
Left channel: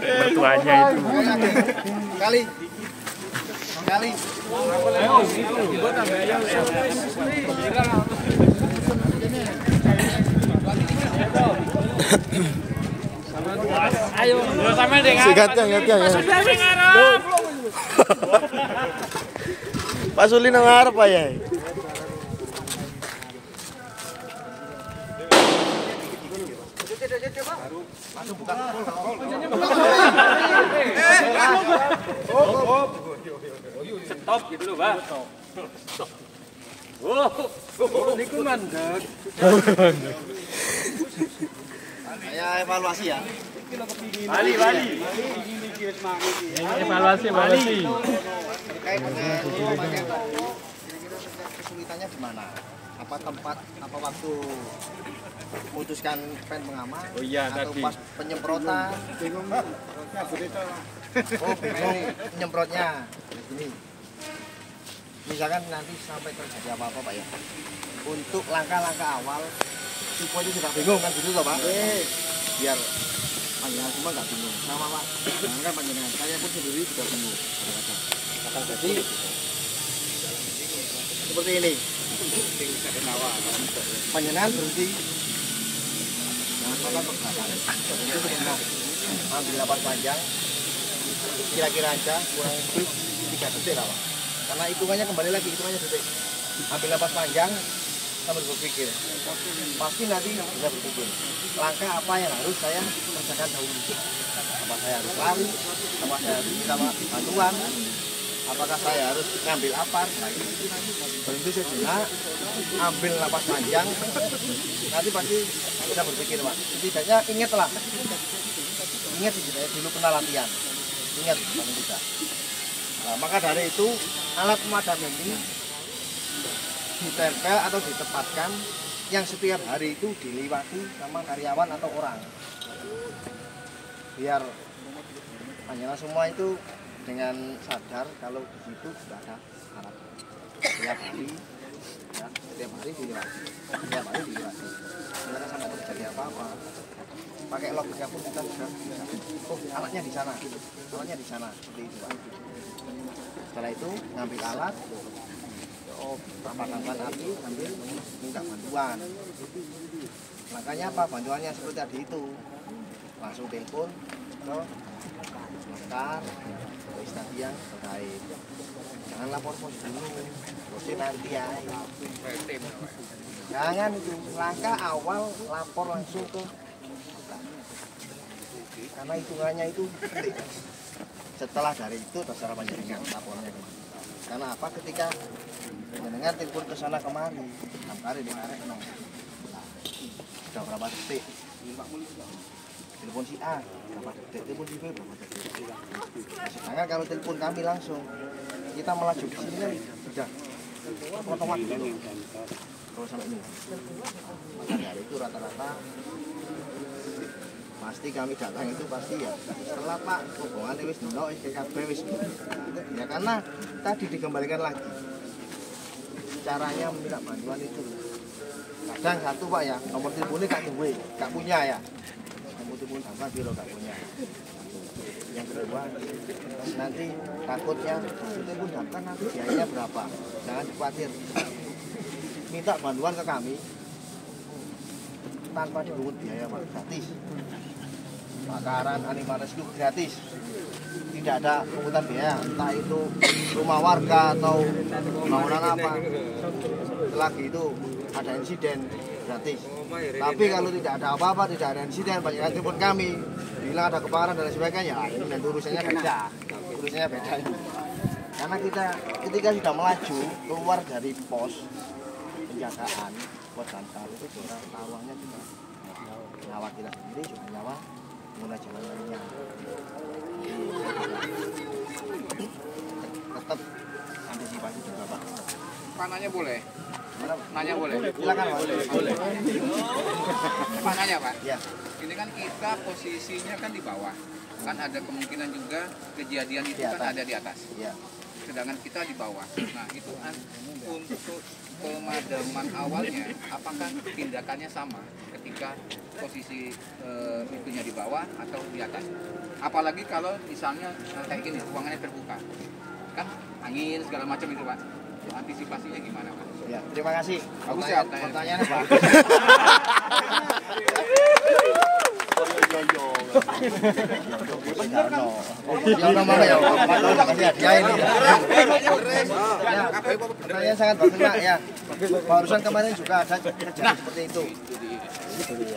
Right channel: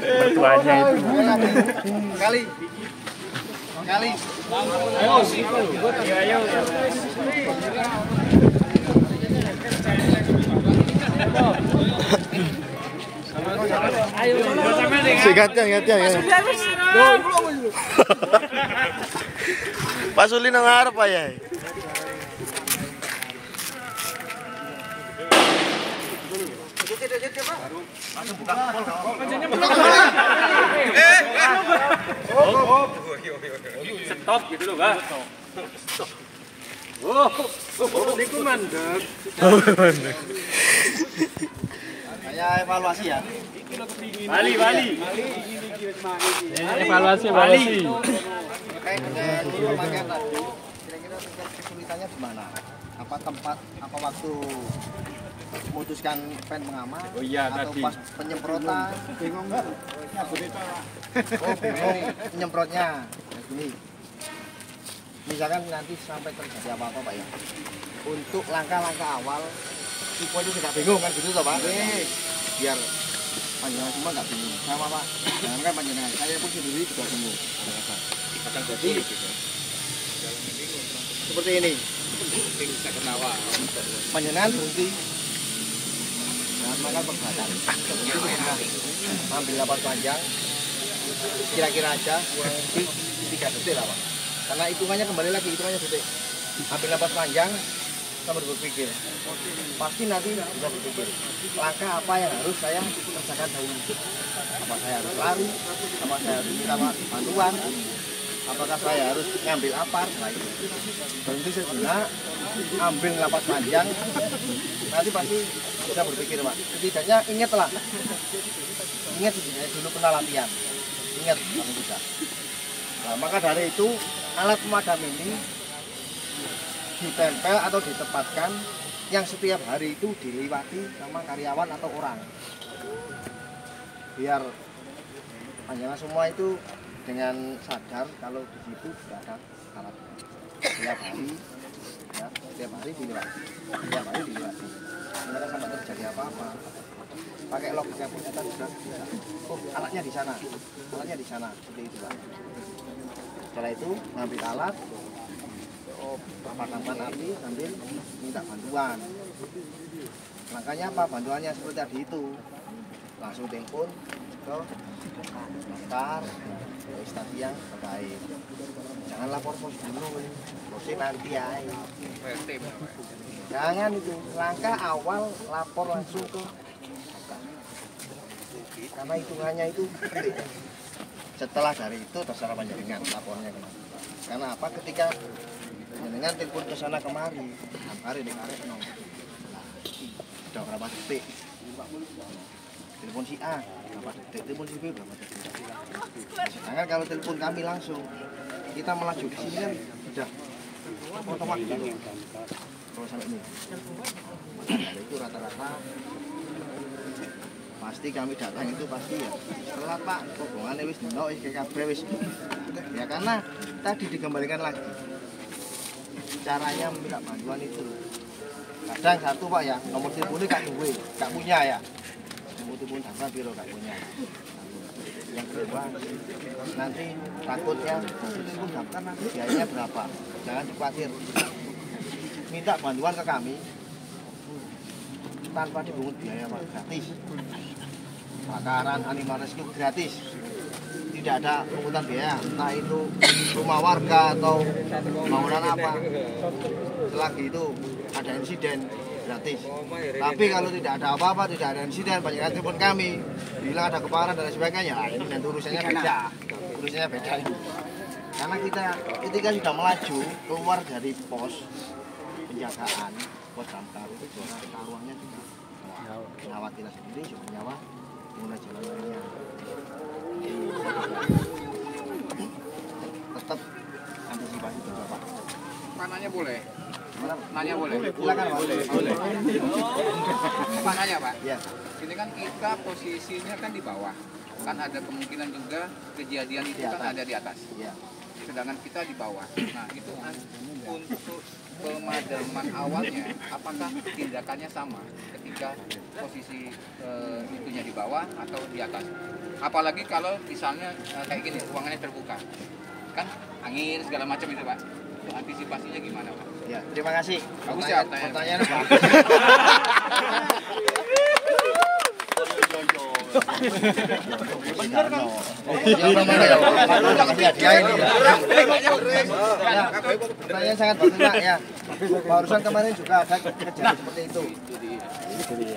Mertuanya itu. Kali. Sigatnya. Pak Suli nang ngarep ya. Stop gitu loh, Mbak. Oh, niku mandek. Saya evaluasi ya. Bali. Evaluasi. Terkait dengan pemakaian tadi, kira-kira kesulitannya di mana? Apa tempat, apa waktu memutuskan pen pengaman, atau pas penyemprotan? Bingung penyemprotnya. Ya, gini. Misalkan nanti sampai terjadi apa-apa, Pak ya. Untuk langkah-langkah awal supaya itu tidak bingung kan gitu toh, Pak. Biar panjenengan semua nggak bingung. Sama, Pak. Jangan kan panjenengan, saya pun sendiri juga bingung. Jadi seperti ini. Panjenengan berhenti. Jangan makan pergerakan. Berhenti sebentar. Ambil napas panjang. Kira-kira aja kurang lebih 3 detik lah, Pak. Karena hitungannya kembali lagi, hitungannya detik. Ambil napas panjang sambil berpikir. Pasti nanti bisa berpikir. Langkah apa yang harus saya kerjakan dahulu? Apa saya harus lari? Apa saya harus minta bantuan? Apakah saya harus ngambil apar? Nah, itu. Berhenti sejenak, ambil napas panjang. Nanti pasti bisa berpikir, Pak. Setidaknya ingatlah. Ingat dulu pernah latihan. Ingat paling tidak. Nah, maka dari itu alat pemadam ini ditempel atau ditempatkan yang setiap hari itu dilewati sama karyawan atau orang. Biar panjenengan semua itu dengan sadar kalau di situ sudah ada alat. Setiap hari, ya, setiap hari dilewati. Sebenarnya sampai terjadi apa-apa. Pakai logika pun kita sudah bisa. Oh, alatnya di sana, seperti itu, Pak. Setelah itu ngambil alat, padamkan api sambil minta bantuan. Langkahnya apa? Bantuannya seperti tadi itu. Langsung telepon ke daftar registrasi yang terkait. Jangan lapor pos dulu, pasti nanti ya. Jangan itu, langkah awal lapor langsung ke daftar. Karena hitungannya itu penting. Setelah dari itu terserah panjenengan lapornya kemana. Karena apa? Ketika panjenengan telepon ke sana kemari, angkari dengarek no. Sudah berapa detik? Telepon si A berapa detik? Telepon si B berapa detik? Sedangkan kalau telepon kami langsung, kita melaju di sini kan sudah potong waktu dulu. Kalau sampai ini, maka dari itu rata-rata pasti kami datang itu pasti ya setelah Pak hubungannya wis dino wis kabeh wis ya, karena tadi dikembalikan lagi caranya meminta bantuan itu. Kadang satu Pak ya nomor teleponnya gak punya ya, nomor telepon damkar biro gak punya. Satu. Yang kedua nanti takutnya telepon damkar nanti biayanya berapa, jangan khawatir, minta bantuan ke kami tanpa dipungut biaya Pak, gratis. Bakaran animal rescue gratis, tidak ada pungutan biaya, entah itu rumah warga atau bangunan apa. Selagi itu ada insiden gratis. Tapi kalau tidak ada apa-apa, tidak ada insiden, banyak telepon kami bilang ada kebakaran dan sebagainya, ini nanti urusannya beda ini. Karena kita ketika sudah melaju keluar dari pos penjagaan, pos damkar itu juga taruhannya juga nyawa kita sendiri, juga nyawa pengguna jalan lainnya. Tetap antisipasi juga Pak. Mananya boleh? Mana? Nanya boleh? Silakan Pak. Boleh. Pak nanya Pak. Ya. Ini kan kita posisinya kan di bawah. Kan ada kemungkinan juga kejadian itu kan ada di atas. Ya. Sedangkan kita di bawah. Nah itu untuk pemadaman awalnya, apakah tindakannya sama ketika posisi itunya di bawah atau di atas? Apalagi kalau misalnya kayak gini, ruangannya terbuka, kan angin segala macam itu Pak. Itu antisipasinya gimana Pak? Ya, terima kasih. Bagus ya, Pertanyaannya bagus. Ya, pertanyaan sangat bagus Pak ya. Barusan kemarin juga ada kejadian seperti itu.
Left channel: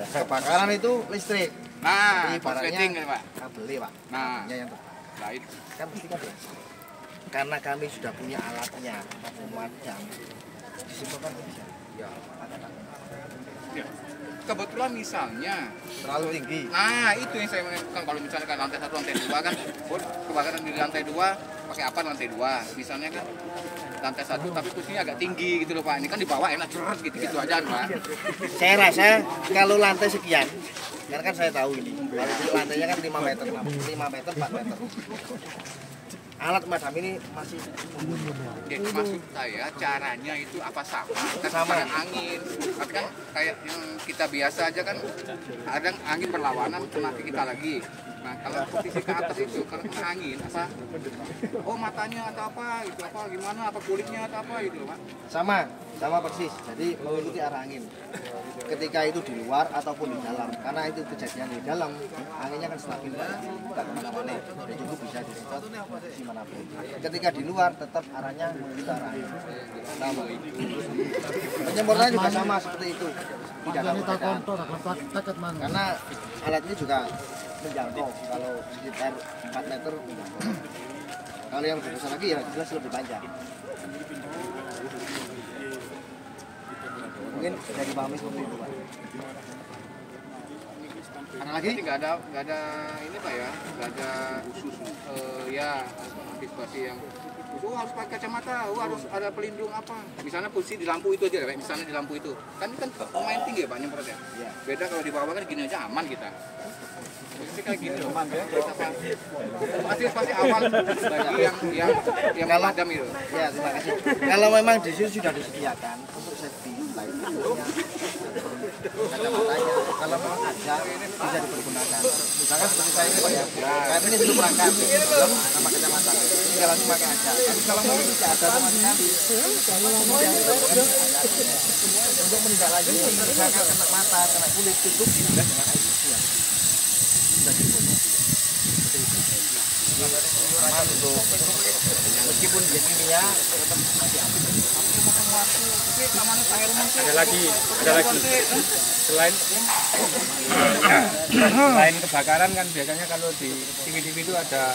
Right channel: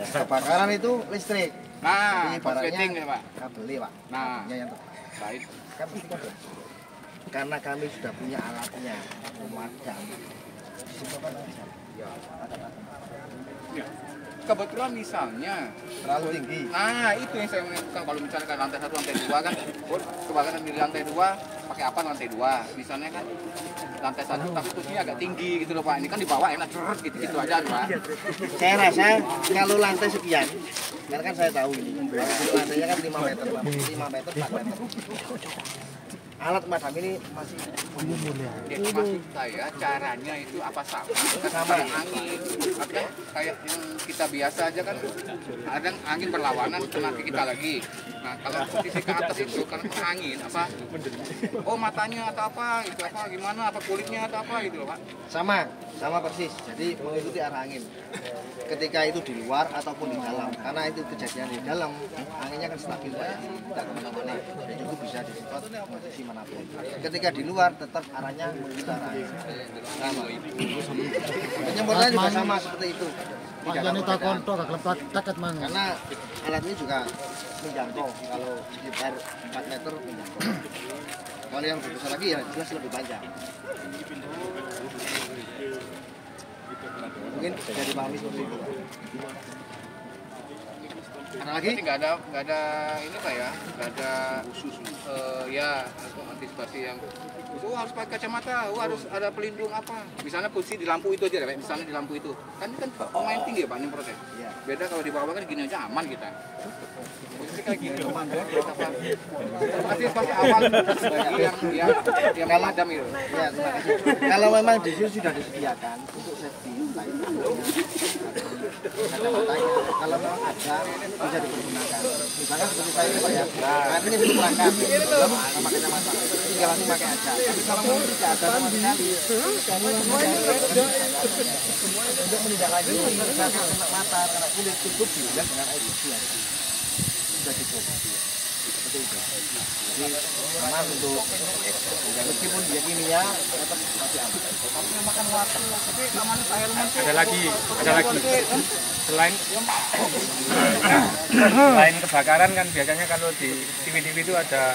Kebakaran itu listrik. Nah, Ibaratnya ini Pak. kabel Pak. Nah, Kabelnya yang terbang. baik. Kan pasti kan biasa. Karena kami sudah punya alatnya, pemadam. Disimpulkan aja. Ada apa? Kebetulan misalnya Terlalu tinggi. nah itu yang saya menentukan, kalau misalnya kan lantai 1, lantai 2 kan kebakaran di lantai 2 pakai apa lantai 2 misalnya kan lantai 1 tapi kursinya agak tinggi gitu loh Pak, ini kan di bawah enak ceret gitu aja Pak. Saya rasa kalau lantai sekian, karena kan saya tahu ini, lantainya kan 5 meter, 5 meter, 4 meter. Alat pemadam ini masih Jadi maksud saya caranya itu apa sama? Kan Sama. ada angin, tapi kan kayak yang kita biasa aja kan ada angin berlawanan kena ke kita lagi. Nah kalau posisi ke atas itu kalau kena angin apa? Oh matanya atau apa? Itu apa? Gimana? Apa kulitnya atau apa gitu loh Pak? sama persis. Jadi mengikuti arah angin. Ketika itu di luar ataupun di dalam, karena itu kejadian di dalam, anginnya kan stabil Pak ya, tidak kemana-mana. Jadi itu bisa disemprot posisi manapun. Ketika di luar tetap arahnya mengikuti arah angin. Sama. Penyemprotannya juga sama seperti itu. Tidak ada perbedaan. Karena alat ini juga menjangkau, kalau sekitar 4 meter menjangkau. Kalau yang lebih besar lagi ya jelas lebih panjang. Mungkin bisa dipahami seperti itu Pak. Karena lagi nggak ada ini Pak ya, nggak ada khusus ya antisipasi yang harus pakai kacamata, harus ada pelindung apa. Misalnya posisi di lampu itu aja, misalnya di lampu itu kan lumayan tinggi ya Pak nyemprotnya. Iya. Beda kalau di bawah kan gini aja aman kita. Posisi kayak gini aman ya. Pasti awal yang memadam itu. Ya, terima kasih. Kalau memang di sini sudah disediakan untuk safety, baik kacamatanya, kalau memang ada bisa dipergunakan. Misalkan seperti saya ini Pak ya, saya ini belum perangkat, belum sama kacamata, tinggal langsung pakai aja. Tapi kalau memang tidak ada sama sekali, untuk menindaklanjuti misalkan kena mata, kena kulit, cukup juga dengan air bersih aja. Sudah cukup. seperti itu. Jadi aman untuk meskipun dia kimia tetap masih aman. Ada lagi. Selain kebakaran kan biasanya kalau di TV-TV itu ada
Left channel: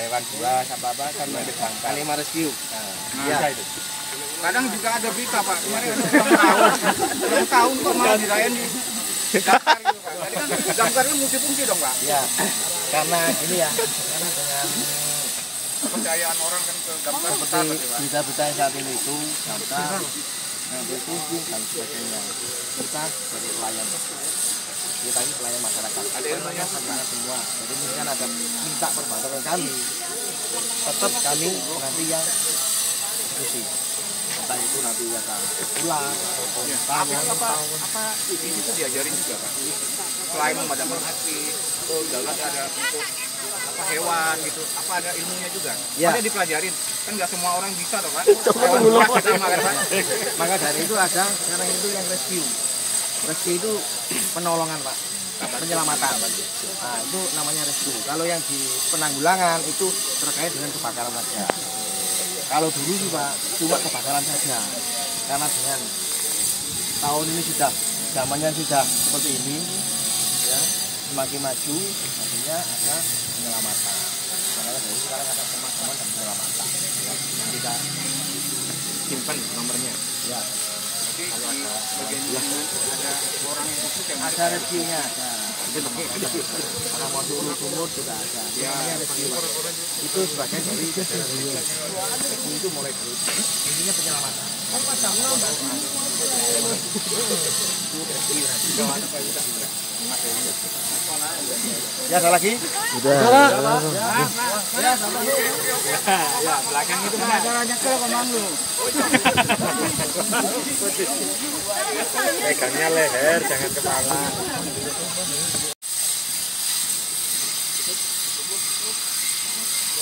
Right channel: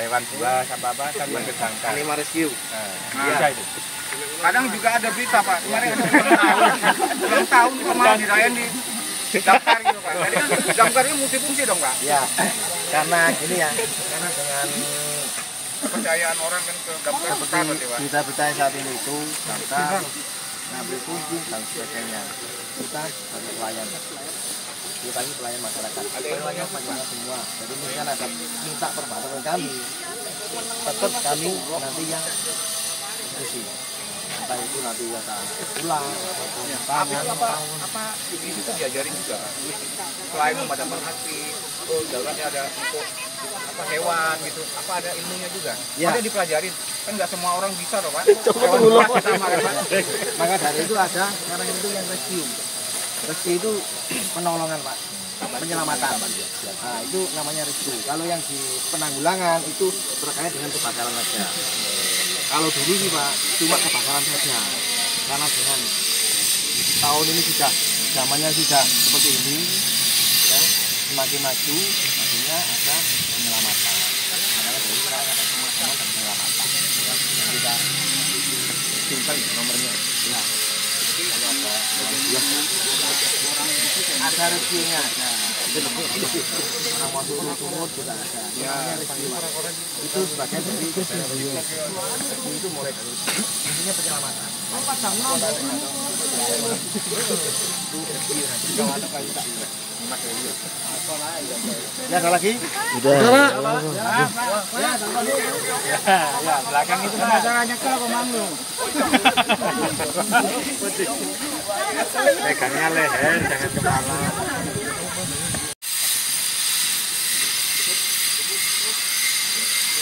hewan buas apa kan manggil damkar. Animal rescue. Bisa itu. Kadang juga ada berita Pak, kemarin ada ulang tahun kok malah dirayain di damkar gitu Pak. Jadi kan damkar ini multifungsi dong Pak. Ya, karena gini ya, karena dengan Kepercayaan orang kan ke damkar seperti berita-berita saat ini itu damkar ngambil kunci dan sebagainya. Kita sebagai pelayan, kita ini pelayan masyarakat, pelayan masyarakat semua. Jadi misalkan ada minta perbantuan kami, tetap kami nanti yang diskusi. Entah itu nanti ada ular ataupun tawon. apa itu kan diajarin juga selain memadamkan api, dalam ada untuk apa hewan gitu, apa ada ilmunya juga? Ya. Ada dipelajarin, kan nggak semua orang bisa loh Pak. Maka dari itu ada sekarang itu yang rescue. Rescue itu penolongan Pak, penyelamatan. Nah itu namanya rescue. Kalau yang di penanggulangan itu terkait dengan kebakaran saja. Kalau dulu sih Pak cuma kebakaran saja. Karena dengan tahun ini sudah zamannya sudah seperti ini, ya semakin maju, artinya ada penyelamatan. Makanya dari sekarang ada pemadaman dan penyelamatan. Ya, kita simpan nomornya. Ya. Kalau ada Orang yang ada rescue-nya ada. Orang mau sumur juga ada. Ya, rescue Pak. Itu sebagian dari rescue. Rescue itu mulai dari intinya penyelamatan. Itu rescue nanti. Ya ada lagi? Udah. Ya sama Ya, belakang itu pengacaranya kalau pemanggung. Pegangnya leher, jangan kepala.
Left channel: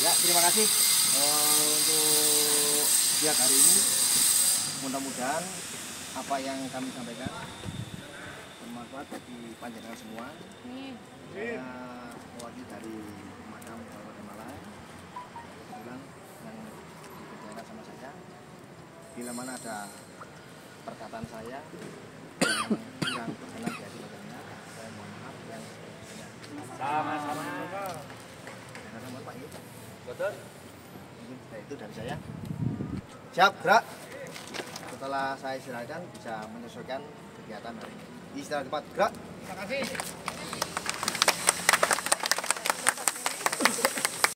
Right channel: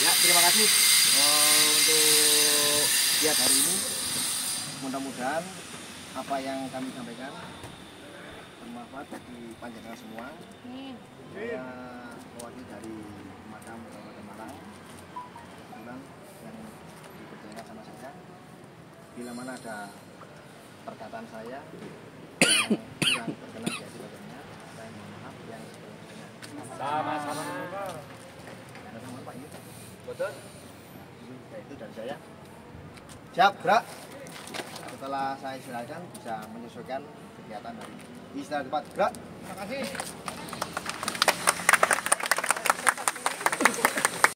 Ya, terima kasih untuk lihat hari ini. Mudah-mudahan apa yang kami sampaikan bermanfaat bagi panjenengan semua. Saya mewakili dari pemadam Kabupaten Malang, kebetulan yang dipercayakan sama saya. Bila mana ada perkataan saya yang kurang berkenan di hati panjenengan, saya mohon maaf yang sebesar-besarnya. Sama-sama. Sama Pak ini. Betul. Ya, itu dari saya. Siap, gerak. Setelah saya silakan bisa menyesuaikan kegiatan hari ini. Istirahat cepat, gerak. Terima kasih.